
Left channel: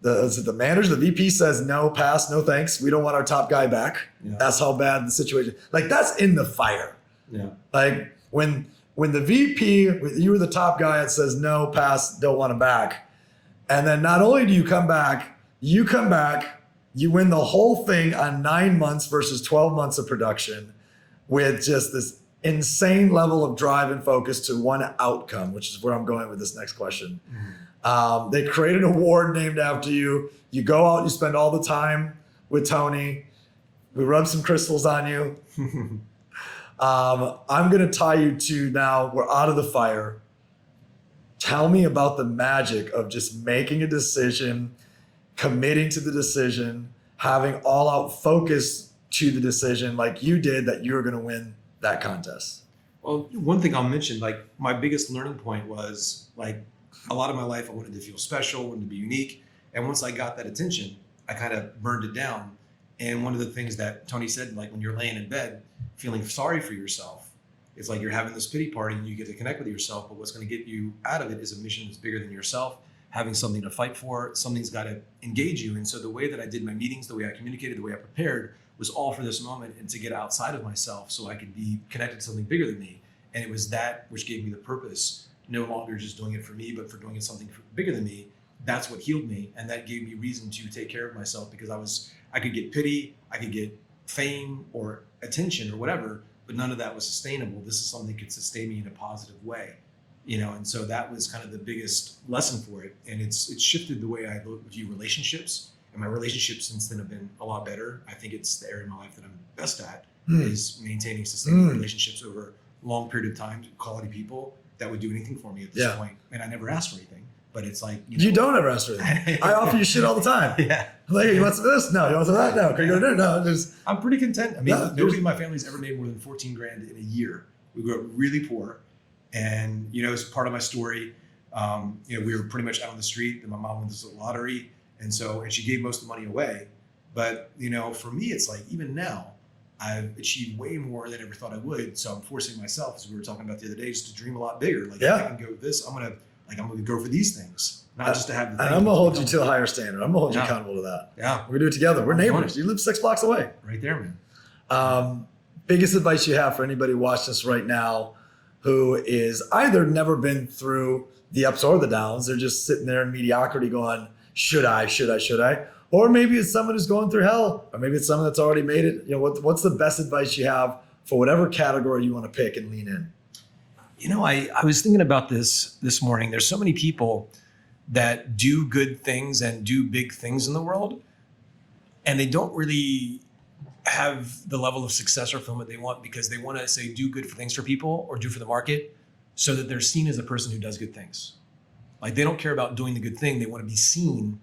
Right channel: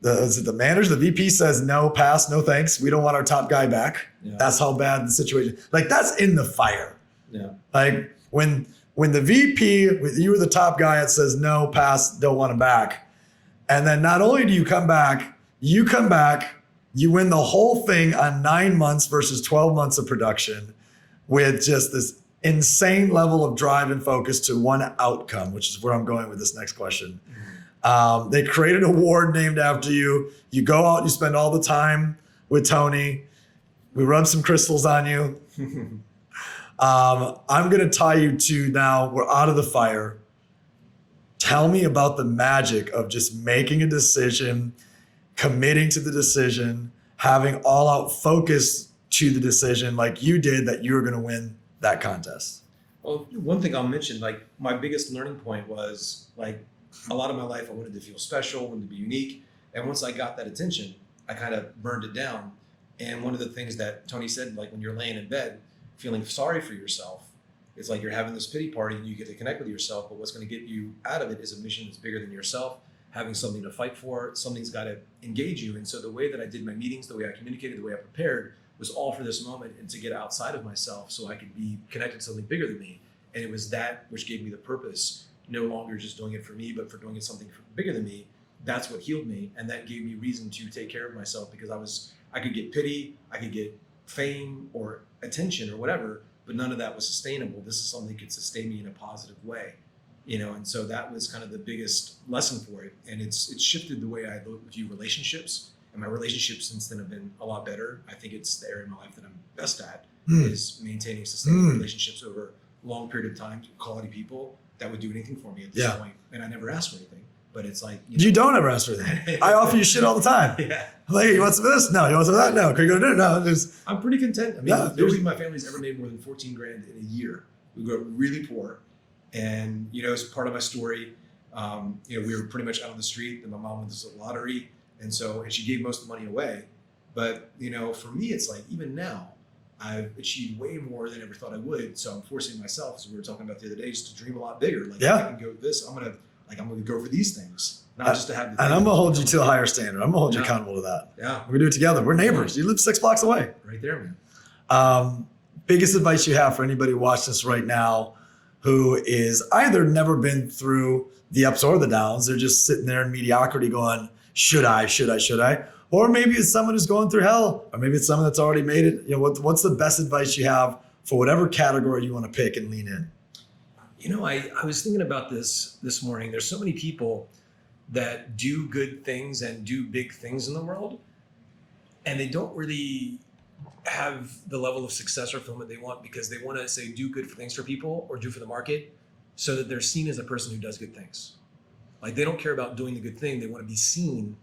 The manager, the VP says, no, pass, no thanks. We don't want our top guy back. Yeah. That's how bad the situation. Like, that's in the fire. Yeah. Like when the VP, you were the top guy, it says, no, pass, don't want him back. And then not only do you come back, you win the whole thing on 9 months versus 12 months of production with just this insane level of drive and focus to one outcome, which is where I'm going with this next question. They created an award named after you. You go out, you spend all the time with Tony. We rub some crystals on you. I'm going to tie you to, now we're out of the fire. Tell me about the magic of just making a decision, committing to the decision, having all out focus to the decision like you did, that you were going to win that contest. Well, one thing I'll mention, like my biggest learning point was like a lot of my life, I wanted to feel special, wanted to be unique. And once I got that attention, I kind of burned it down. And one of the things that Tony said, like when you're laying in bed, feeling sorry for yourself, it's like you're having this pity party and you get to connect with yourself. But what's going to get you out of it is a mission that's bigger than yourself, having something to fight for, something's got to engage you. And so the way that I did my meetings, the way I communicated, the way I prepared was all for this moment and to get outside of myself so I could be connected to something bigger than me. And it was that which gave me the purpose, no longer just doing it for me, but for doing it something bigger than me. That's what healed me. And that gave me reason to take care of myself, because I could get pity, I could get fame or attention or whatever, but none of that was sustainable. This is something that could sustain me in a positive way, and so that was kind of the biggest lesson for it. And it's shifted the way I view relationships, and my relationships since then have been a lot better. I think it's the area of my life that I'm best at is maintaining sustainable relationships over a long period of time, quality people that would do anything for me at this point. And I never asked for anything, but it's like, you don't ever ask for anything. I offer you shit all the time. Yeah. Like, you want some of this? No. You want some of that? No. Can you go to dinner? No. Just, I'm pretty content. I mean, nobody in my family's ever made more than 14 grand in a year. We grew up really poor. And, as part of my story, we were pretty much out on the street, and my mom won this lottery. And she gave most of the money away. But, for me, it's like, even now, I've achieved way more than I ever thought I would. So I'm forcing myself, as we were talking about the other day, just to dream a lot bigger. Like, I can go with this. I'm going to go for these things. Not just to have. And I'm gonna hold you to a higher standard. I'm gonna hold you accountable to that. Yeah, we're gonna do it together. We're neighbors. You live 6 blocks away. Right there, man. Biggest advice you have for anybody watching this right now, who is either never been through the ups or the downs, they're just sitting there in mediocrity, going, "Should I? Should I? Should I?" Or maybe it's someone who's going through hell, or maybe it's someone that's already made it. What's the best advice you have for whatever category you want to pick and lean in? I was thinking about this morning. There's so many people that do good things and do big things in the world, and they don't really have the level of success or fulfillment they want, because they want to say do good things for people or do for the market so that they're seen as a person who does good things. Like, they don't care about doing the good thing. They want to be seen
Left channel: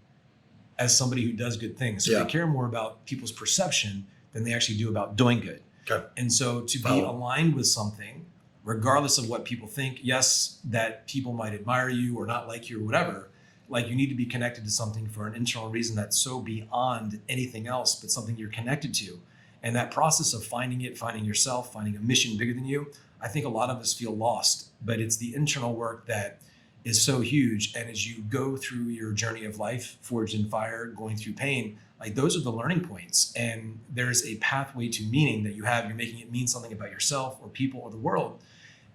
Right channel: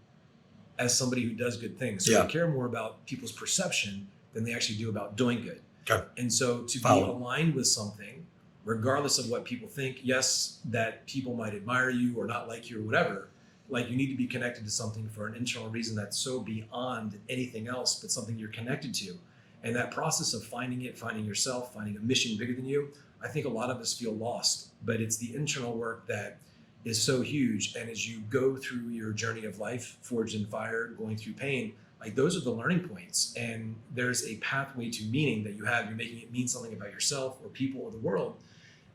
as somebody who does good things. So they care more about people's perception than they actually do about doing good. Okay. And so to be aligned with something, regardless of what people think, yes, that people might admire you or not like you or whatever, like, you need to be connected to something for an internal reason that's so beyond anything else, but something you're connected to. And that process of finding yourself, finding a mission bigger than you, I think a lot of us feel lost, but it's the internal work that is so huge. And as you go through your journey of life, forged in fire, going through pain, like those are the learning points. And there's a pathway to meaning that you have. You're making it mean something about yourself or people or the world.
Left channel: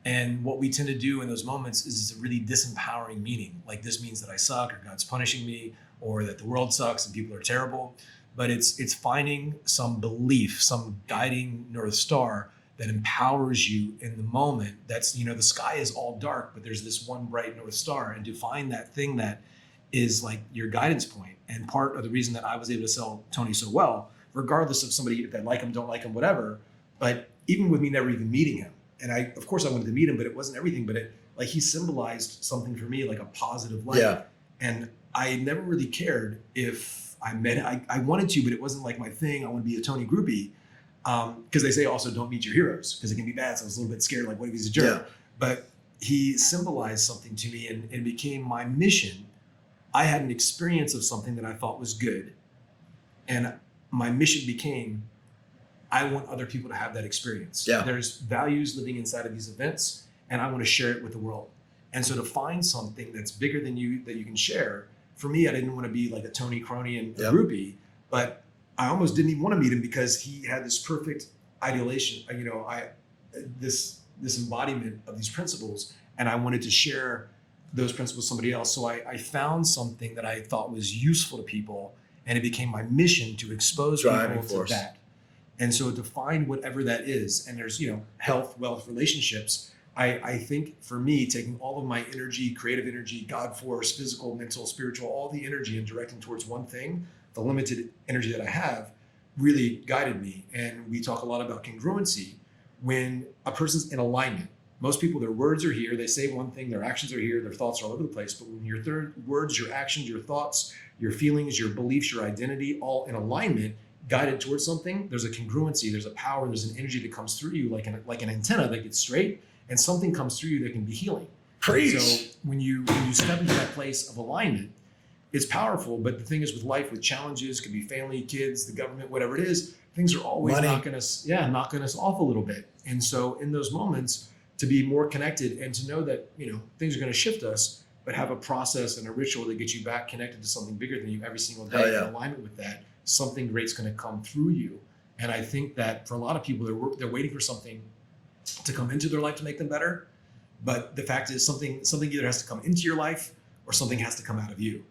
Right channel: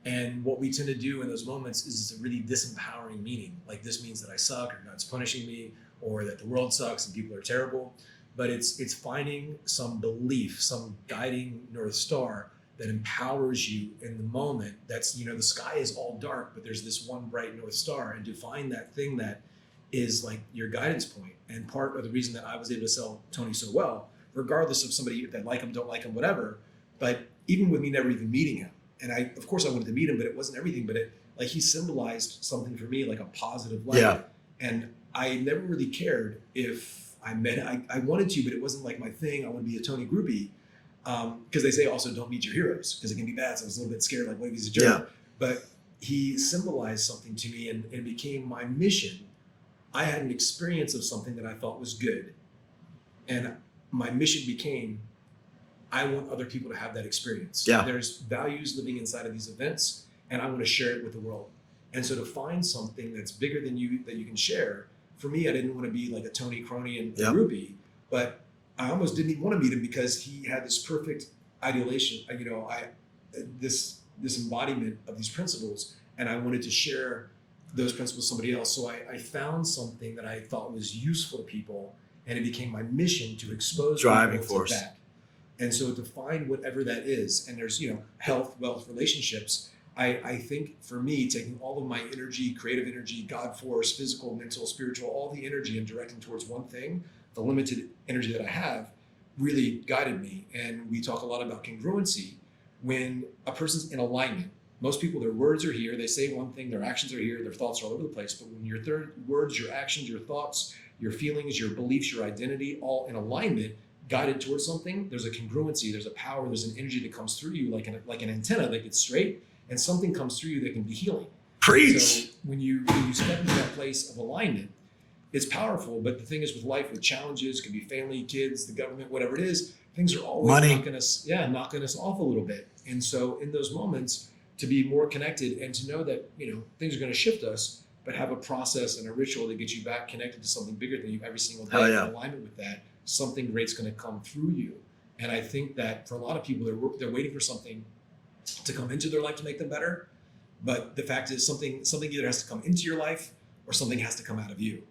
And what we tend to do in those moments is a really disempowering meaning. Like this means that I suck, or God's punishing me, or that the world sucks and people are terrible. But it's finding some belief, some guiding North Star that empowers you in the moment. That's, the sky is all dark, but there's this one bright North Star, and to find that thing that is like your guidance point. And part of the reason that I was able to sell Tony so well, regardless of somebody that like him, don't like him, whatever, but even with me never even meeting him. And of course I wanted to meet him, but it wasn't everything, but he symbolized something for me, like a positive light. Yeah. And I never really cared if I met, I wanted to, but it wasn't like my thing. I want to be a Tony groupie. Because they say also don't meet your heroes because it can be bad. So I was a little bit scared, like what if he's a jerk? Yeah. But he symbolized something to me, and it became my mission. I had an experience of something that I thought was good. And my mission became, I want other people to have that experience. Yeah. There's values living inside of these events, and I want to share it with the world. And so to find something that's bigger than you that you can share, for me, I didn't want to be like a Tony crony and groupie, but I almost didn't even want to meet him because he had this perfect idealization, this embodiment of these principles, and I wanted to share those principles with somebody else. So I found something that I thought was useful to people, and it became my mission to expose Driving people force. to that. And so to find whatever that is, and there's, health, wealth, relationships, I think for me, taking all of my energy, creative energy, God force, physical, mental, spiritual, all the energy and directing towards one thing, the limited energy that I have, really guided me. And we talk a lot about congruency. When a person's in alignment, most people, their words are here, they say one thing, their actions are here, their thoughts are all over the place. But when your words, your actions, your thoughts, your feelings, your beliefs, your identity, all in alignment, guided towards something, there's a congruency, there's a power, there's an energy that comes through you, like an antenna that gets straight, and something comes through you that can be healing. Preach. So when you step into that place of alignment, it's powerful. But the thing is, with life, with challenges, could be family, kids, the government, whatever it is, things are always knocking us off a little bit. And so in those moments, to be more connected and to know that, things are going to shift us, but have a process and a ritual that gets you back connected to something bigger than you every single day. In alignment with that, something great's going to come through you. And I think that for a lot of people, they're waiting for something to come into their life to make them better. But the fact is, something either has to come into your life or something has to come out of you.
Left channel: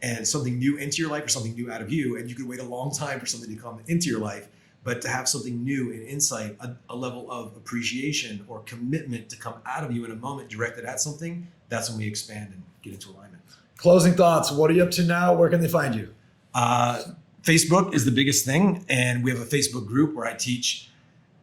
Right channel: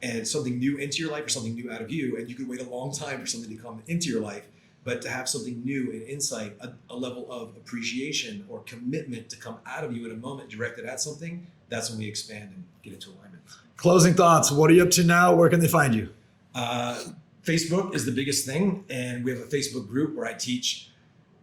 And something new into your life or something new out of you. And you could wait a long time for something to come into your life, but to have something new and insight, a level of appreciation or commitment to come out of you in a moment directed at something, that's when we expand and get into alignment. Closing thoughts. What are you up to now? Where can they find you? Facebook is the biggest thing. And we have a Facebook group where I teach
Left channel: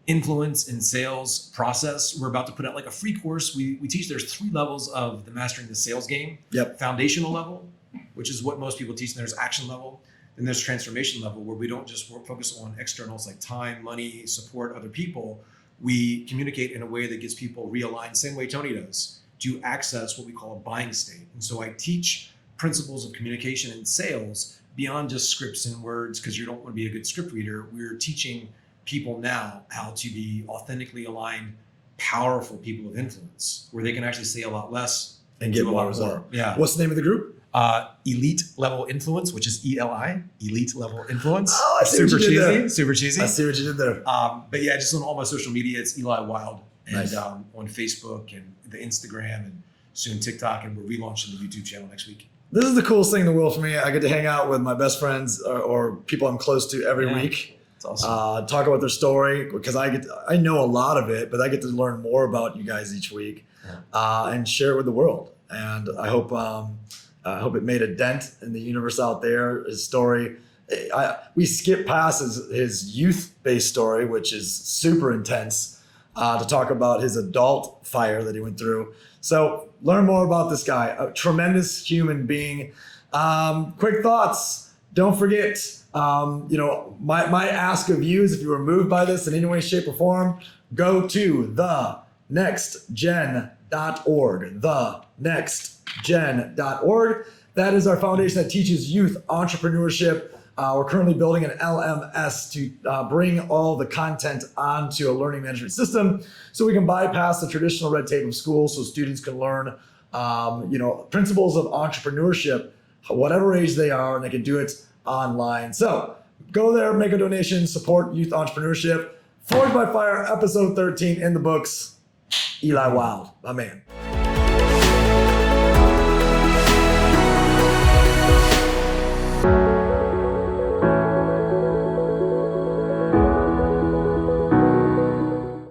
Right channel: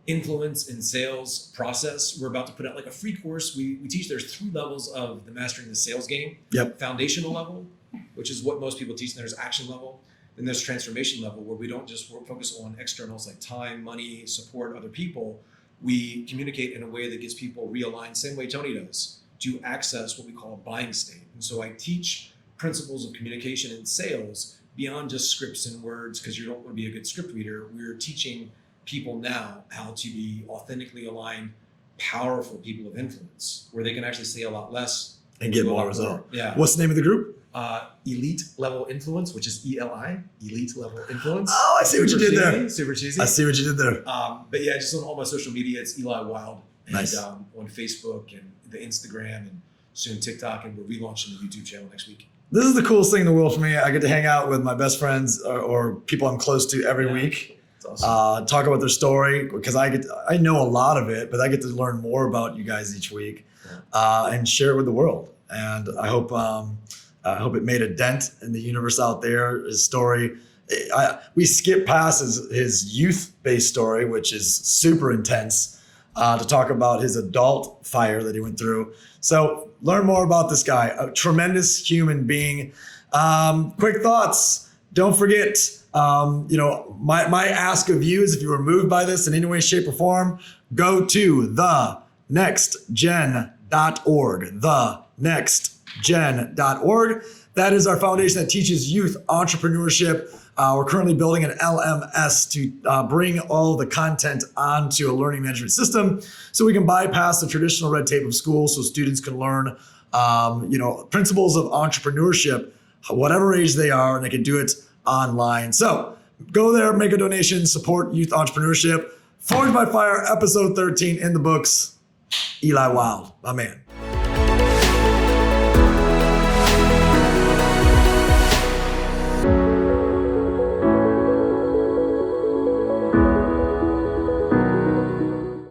influence in sales process. We're about to put out like a free course. We teach there's 3 levels of the mastering the sales game. Yep. Foundational level, which is what most people teach. And there's action level. Then there's transformation level, where we don't just focus on externals like time, money, support other people. We communicate in a way that gets people realigned, same way Tony does, to access what we call a buying state. And so I teach principles of communication and sales beyond just scripts and words, because you don't want to be a good script reader. We're teaching people now how to be authentically aligned, powerful people of influence, where they can actually say a lot less And get more result. Yeah. What's the name of the group? Elite Level Influence, which is ELI, Elite Level Influence. Oh, I see what you did there. Super cheesy. I see what you did there. But yeah, just on all my social media, it's Eli Wilde. And Nice. on Facebook and the Instagram and soon TikTok, and we're relaunching the YouTube channel next week. This is the coolest thing in the world for me. I get to hang out with my best friends or people I'm close to every week. It's awesome. Talk about their story, because I know a lot of it, but I get to learn more about you guys each week and share it with the world. And I hope it made a dent in the universe out there. His story, we skip past his youth-based story, which is super intense, to talk about his adult fire that he went through. So learn more about this guy, a tremendous human being. Quick thoughts. Don't forget, my ask of you is, if you were moved by this in any way, shape, or form, go to thenextgen.org. Thenextgen.org. That is our foundation that teaches youth entrepreneurship. We're currently building an LMS to bring all the content onto a learning management system so we can bypass the traditional red tape of school, so students can learn principles of entrepreneurship, whatever age they are, and they can do it online. So go there, make a donation, support youth entrepreneurship. Forged by Fire, episode 13 in the books. Eli Wilde, my man.